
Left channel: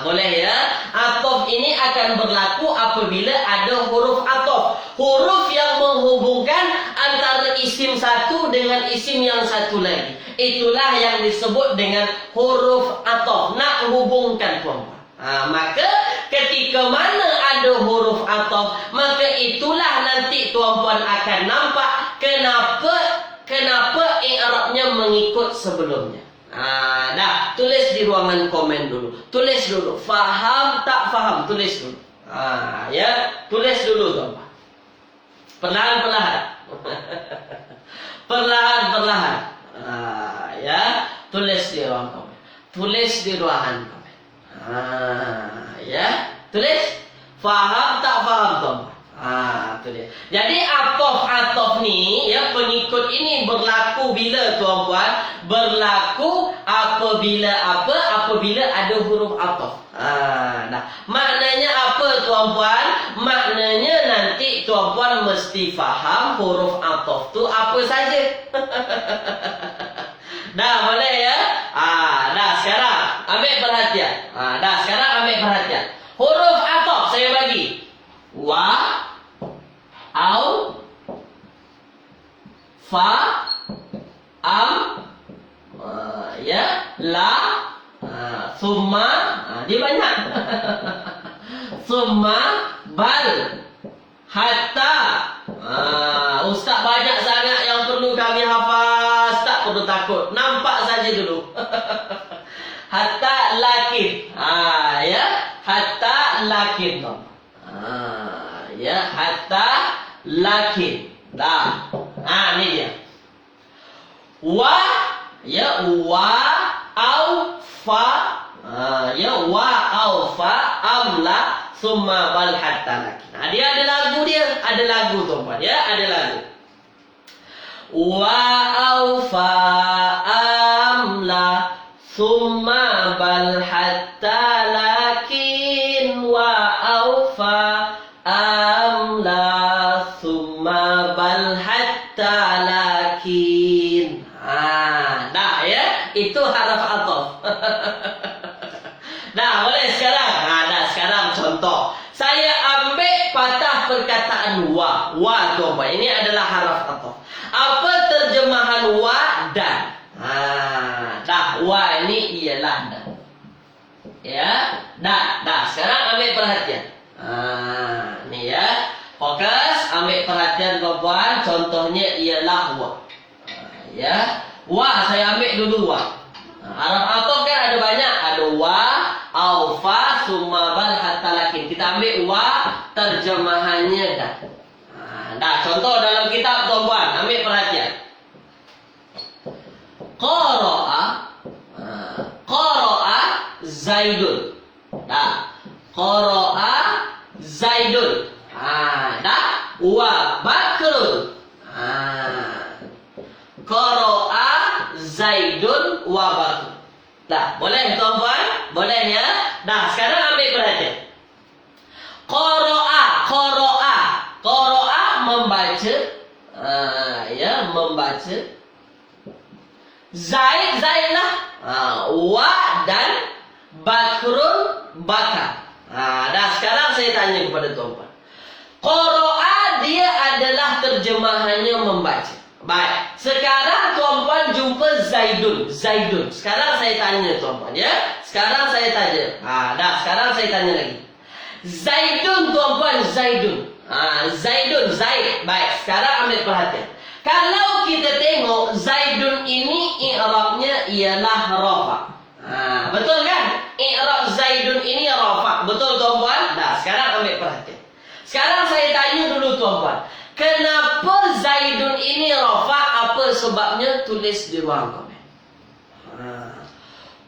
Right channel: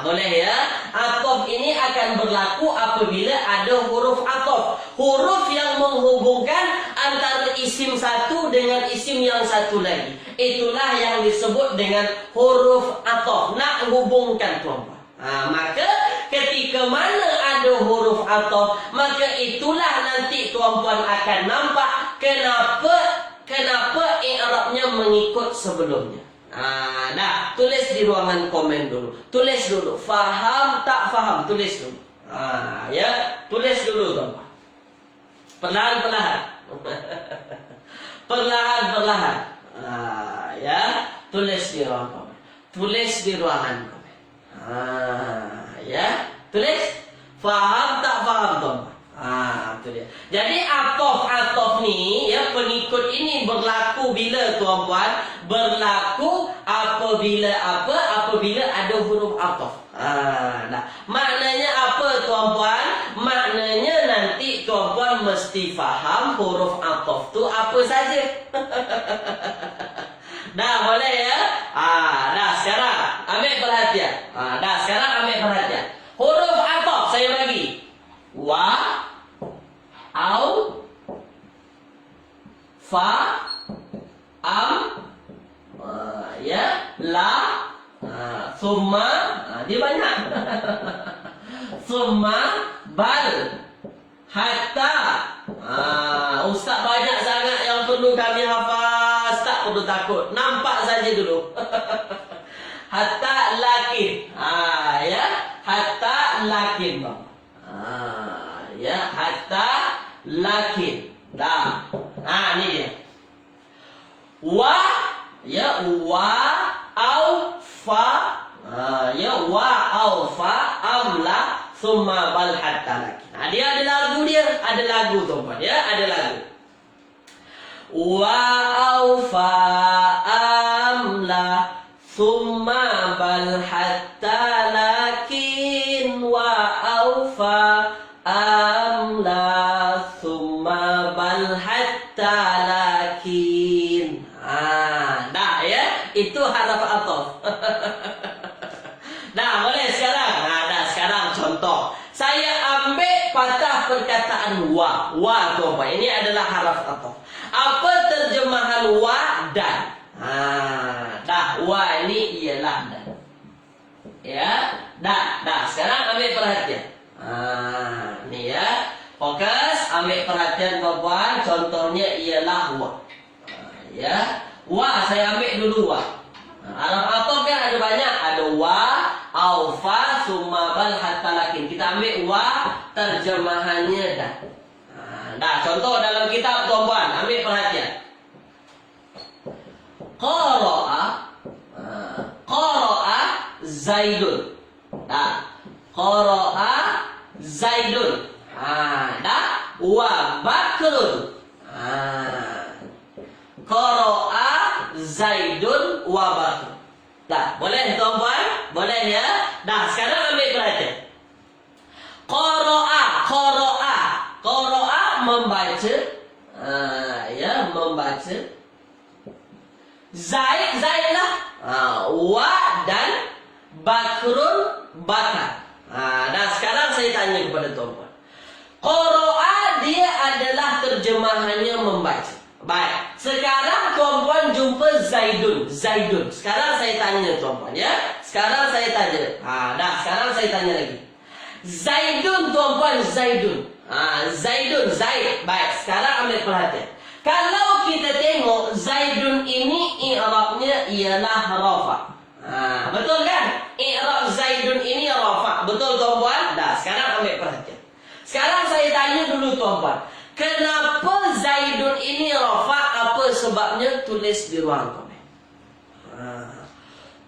Boleh ya? Ataf ini akan berlaku apabila ada huruf ataf. Huruf yang menghubungkan antara isim satu dengan isim yang satu lagi. Itulah yang disebut dengan huruf ataf. Nak hubungkan tuan-tuan. Maka ketika mana ada huruf ataf, maka itulah nanti tuan-puan akan nampak kenapa i'rabnya mengikut sebelumnya. Dah, tulis di ruangan komen dulu. Tulis dulu. Faham tak faham? Tulis dulu. Ya, tulis dulu tuan-puan. Perlahan-perlahan. Perlahan-perlahan. Ya, tulis di ruangan komen. Tulis di ruangan komen. Ya, tulis. Faham tak faham tuan-tuan? Tulis. dia. Jadi atof ni, ya, pengikut ini berlaku bila tuan-puan? Berlaku apabila apa? Apabila ada huruf atof. Nah, maknanya apa tuan-puan? Maknanya nanti tuan-puan mesti faham huruf atof tu apa saja. Dah boleh ya? Dah sekarang ambil perhatian. Dah sekarang ambil perhatian. Huruf atof saya bagi. Wa, au, fa, am, ya, la, summa, dia banyak. Summa, bal, hatta. Ustaz banyak sangat yang perlu kami hafaz, tak perlu takut. Nampak saja dulu. Hatta lakin. Ya, hatta lakin. Ya, hatta lakin. Dah. Ni dia. Wa, ya, wa, au, fa. Ya, wa, au, fa, amla, summa bal hatta lakin. Dia ada lagu dia. Ada lagu tuan-tuan. Ya, ada lagu. Wa, au, fa, amla, summa bal hatta lakin. Wa, au, fa, amla, summa bal hatta lakin. Dah ya. Itu haraf atof. Dah boleh sekarang. Dah sekarang contoh. Saya ambil patah perkataan wa. Wa tuan-tuan. Ini adalah haraf atof. Apa terjemahan wa dan? Dah. Wa ini ialah dan. Ya. Dah. Sekarang ambil perhatian. Ni ya. Fokus. Ambil perhatian tuan-tuan. Contohnya ialah wa. Ya. Wa saya ambil dulu wa. Haraf atof kan ada banyak. Ada wa, au, fa, summa bal hatta lakin. Kita ambil wa, terjemahannya dah. Dah, contoh dalam kitab tuan-tuan. Ambil perhatian. Qara'a Zaidun. Dah. Qara'a Zaidun. Dah. Wa Bakrun. Qara'a Zaidun wa Bakrun. Dah, boleh tuan-tuan? Boleh ya? Dah, sekarang ambil perhatian. Qara'a membaca. Ya, membaca. Zaid lah. Wa dan Bakrun bakar. Dah, sekarang saya tanya kepada tuan-tuan. Qara'a dia adalah terjemahannya membaca. Baik, sekarang tuan-tuan jumpa Zaidun. Sekarang saya tanya tuan-tuan ya. Sekarang saya tanya. Dah, sekarang saya tanya lagi. Zaidun tuan-tuan, Zaidun. Zaid. Baik, sekarang ambil perhatian. Kalau kita tengok Zaidun ini i'rabnya ialah rafa. Betul kan? I'rab Zaidun ini rafa. Betul tuan-tuan? Dah, sekarang ambil perhatian. Sekarang saya tanya dulu tuan-tuan. Kenapa Zaidun ini rafa? Apa sebabnya? Tulis di ruang komen.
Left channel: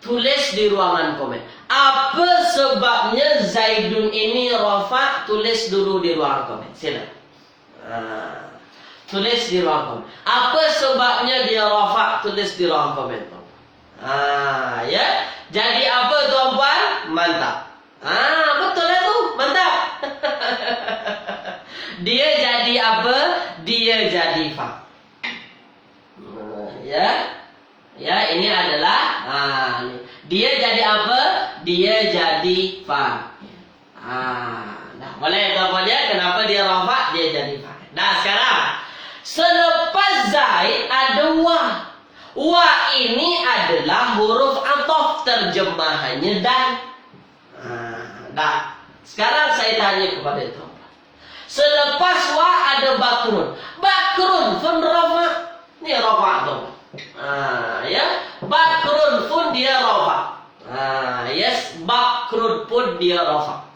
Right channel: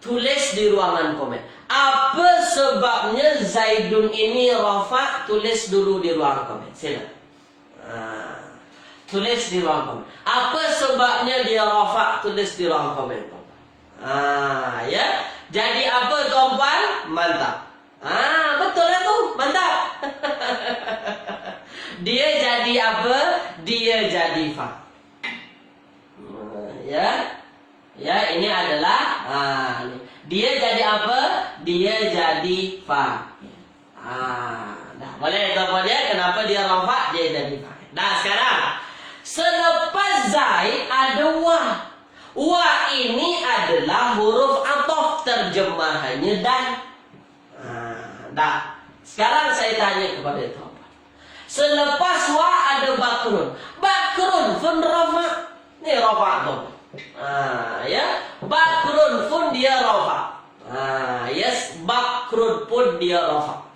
Tulis di ruangan komen. Apa sebabnya Zaidun ini rafa? Tulis dulu di ruang komen. Silakan. Tulis di ruang komen. Apa sebabnya dia rafa? Tulis di ruang komen. Ya. Jadi apa tuan-tuan? Mantap. Betul lah tu. Mantap. Dia jadi apa? Dia jadi fa. Ya. Ya, ini adalah dia jadi apa? Dia jadi fa. Dah, boleh tuan-tuan ya? Kenapa dia rafa? Dia jadi fa. Nah, sekarang selepas Zaid ada wa. Wa ini adalah huruf atof, terjemahannya dan. Dah. Sekarang saya tanya kepada tuan. Selepas wa ada Bakrun. Bakrun pun rafa. Ni rafa tu. Ya. Bakrun pun dia rafa. Yes, Bakrun pun dia rafa.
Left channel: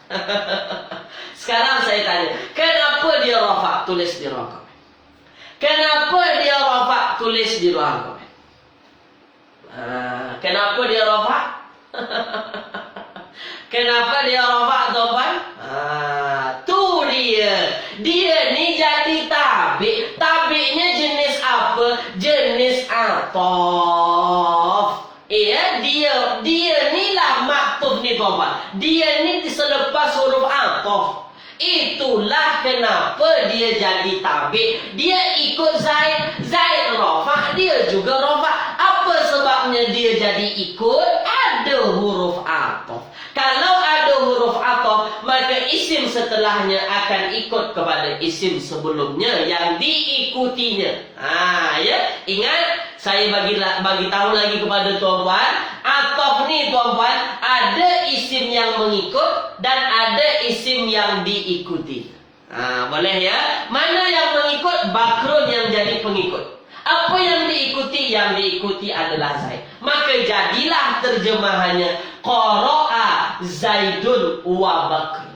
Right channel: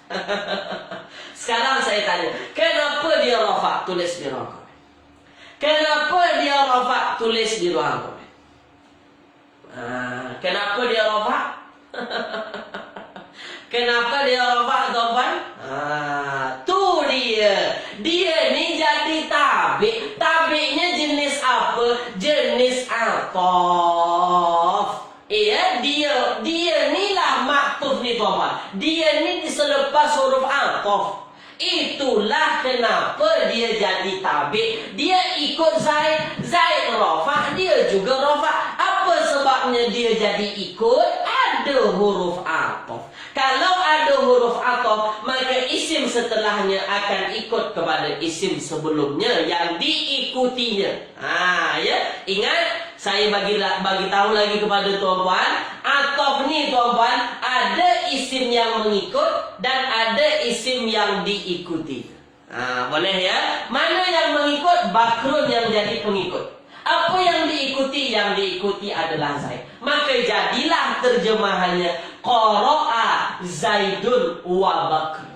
Sekarang saya tanya, kenapa dia rafa? Tulis di ruang komen. Kenapa dia rafa? Tulis di ruang komen. Kenapa dia rafa? Kenapa dia rafa tuan-tuan? Tu dia. Dia ni atof. Iya, dia inilah maktuf ni tuan-tuan. Dia ni selepas huruf atof. Itulah kenapa dia jadi tabik. Dia ikut Zaid. Zaid rafa, dia juga rafa. Apa sebabnya dia jadi ikut? Ada huruf atof. Kalau ada huruf atof, maka isim setelahnya akan ikut kepada isim sebelumnya yang diikutinya. Ya, ingat. Saya bagi tahu lagi kepada tuan-tuan, atof ni tuan-tuan ada isim yang mengikut dan ada isim yang diikuti. Boleh ya? Mana yang mengikut? Bakrun yang jadi pengikut. Apa yang diikuti? Yang diikuti adalah Zaid. Maka jadilah terjemahannya qara'a Zaidun wa Bakr.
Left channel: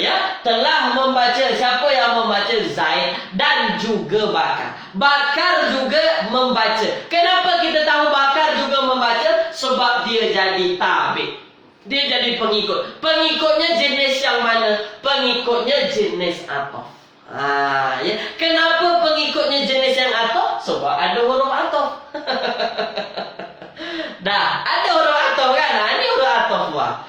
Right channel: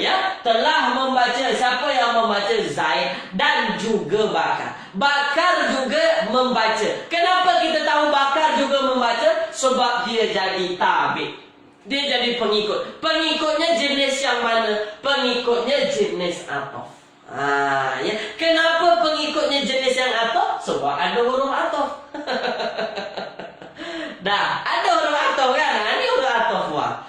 Ya, telah membaca. Siapa yang membaca? Zaid dan juga Bakar. Bakar juga membaca. Kenapa kita tahu Bakar juga membaca? Sebab dia jadi tabik. Dia jadi pengikut. Pengikutnya jenis yang mana? Pengikutnya jenis atof. Ya. Kenapa pengikutnya jenis yang atof? Sebab ada huruf atof. Dah, ada huruf atof kan? Ini huruf atof wah.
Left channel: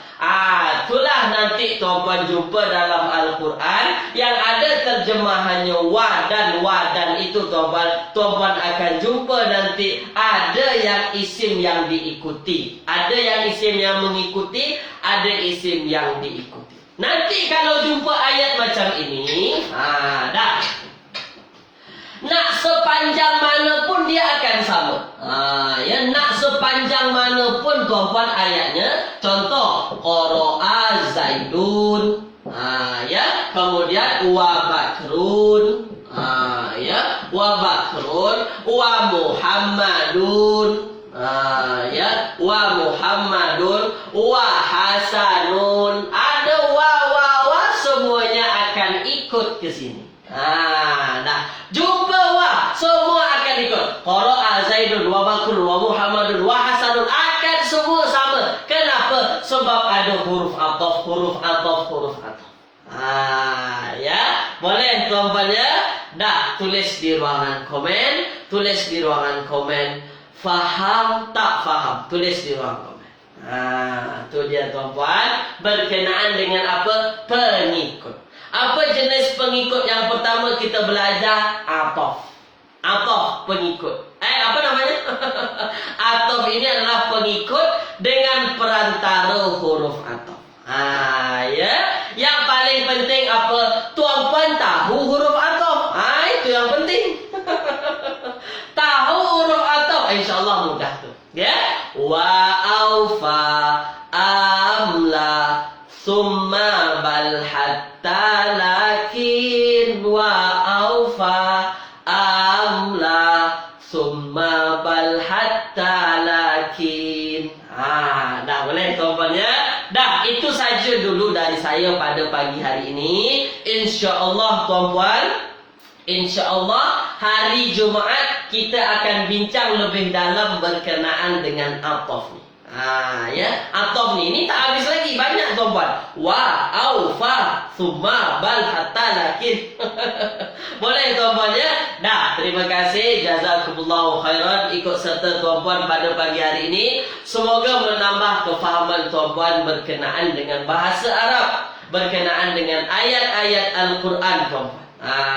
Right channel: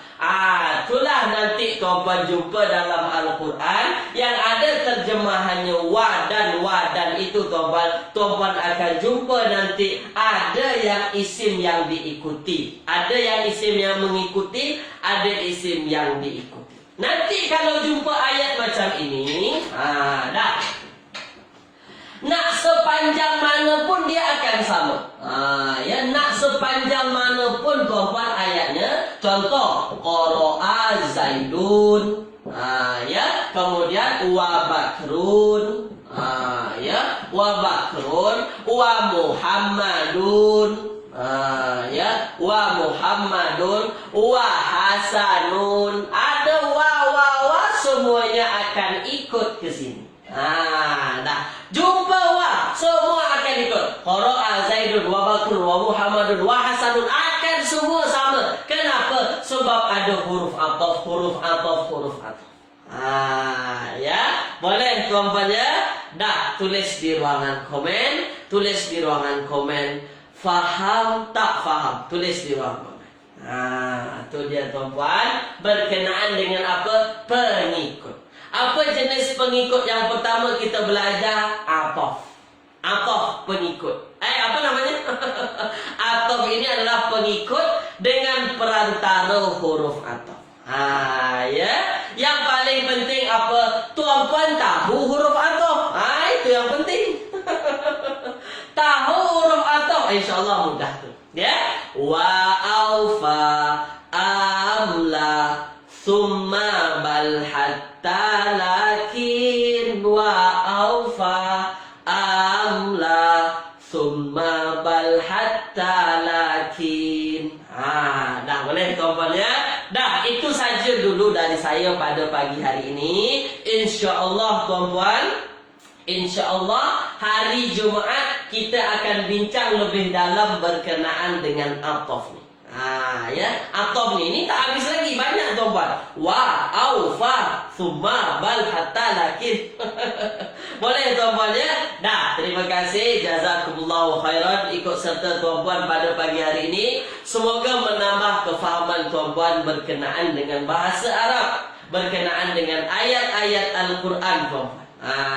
Itulah nanti tuan-tuan jumpa dalam Al-Quran yang ada terjemahannya wa dan itu tuan-tuan akan jumpa nanti ada yang isim yang diikuti, ada yang isim yang mengikuti, ada isim yang diikuti. Nanti kalau jumpa ayat macam ini, dah. Nak sepanjang mana pun dia akan sama. Ya, nak sepanjang mana pun tuan-tuan ayatnya. Contoh, qara'a Zaidun. Ya, kemudian wa Bakrun. Ya, wa Bakrun, wa Muhammadun. Ya, wa Muhammadun, wa Hasanun. Ada wa semuanya akan ikut ke sini. Dah. Jumpa wa, semua akan ikut. Qara'a Zaidun wa Bakrun wa Muhammadun wa Hasanun akan semua sama. Kenapa? Sebab ada huruf atof. Ya, boleh tuan-tuan ya? Dah, tulis di ruangan komen. Faham tak faham? Tulis di ruangan komen. Itu dia tuan-tuan. Berkenaan dengan apa? Pengikut. Apa jenis pengikut yang pertama kita belajar? Atof. Atof pengikut. Apa namanya? Atof ini adalah pengikut dengan perantara huruf atof. Ya. Yang paling penting apa? Tuan-tuan tahu huruf atof. Itu yang penting. Tahu huruf atof, insya-Allah mudah tu. Ya. Wa aufa amla summa bal hatta lakin wa aufa amla summa bal hatta lakin. Dah boleh tuan-tuan ya. Dah, itu saja dulu dari saya pada pagi hari ini. InsyaAllah tuan-tuan, InsyaAllah hari Jumaat kita akan bincang lebih dalam berkenaan dengan atof ni. Ya, atof ni tak habis lagi, banyak tuan-tuan. Wa, au, fa, summa, bal, hatta, lakin. Boleh tuan-tuan ya? Dah, terima kasih. Jazakumullahu khairan ikut serta tuan-tuan pada pagi hari ini. Semoga menambah kefahaman tuan-tuan berkenaan dengan bahasa Arab, berkenaan dengan ayat-ayat Al-Quran tuan-tuan.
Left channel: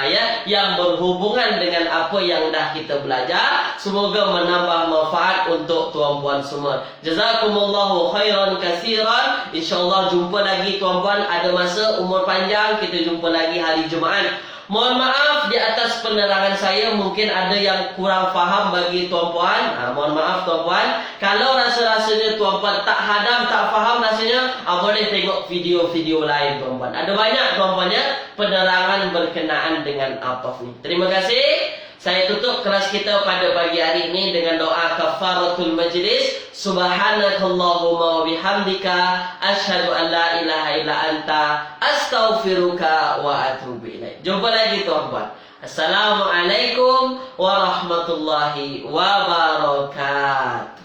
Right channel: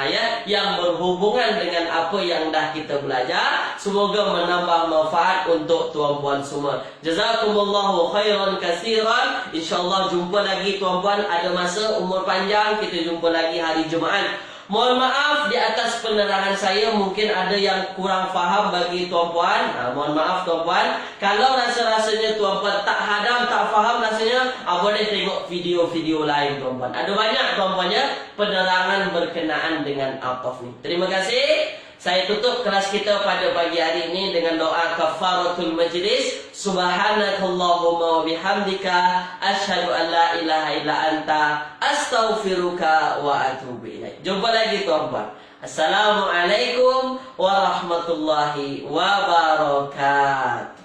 Ya, yang berhubungan dengan apa yang dah kita belajar. Semoga menambah manfaat untuk tuan-puan semua. Jazakumullahu khairan katsiran. InsyaAllah jumpa lagi tuan-puan. Ada masa umur panjang, kita jumpa lagi hari Jumaat. Mohon maaf di atas penerangan saya, mungkin ada yang kurang faham bagi tuan-puan. Mohon maaf tuan-puan. Kalau rasa-rasanya tuan-puan tak hadam, tak faham rasanya, boleh tengok video-video lain tuan-puan. Ada banyak tuan-puan ya penerangan berkenaan dengan atof ni. Terima kasih. Saya tutup kelas kita pada pagi hari ini dengan doa kafaratul majlis. Subhanakallahumma wa bihamdika asyhadu an la ilaha illa anta astaghfiruka wa atubu ilaik. Jumpa lagi tuan-tuan. Assalamualaikum warahmatullahi wabarakatuh.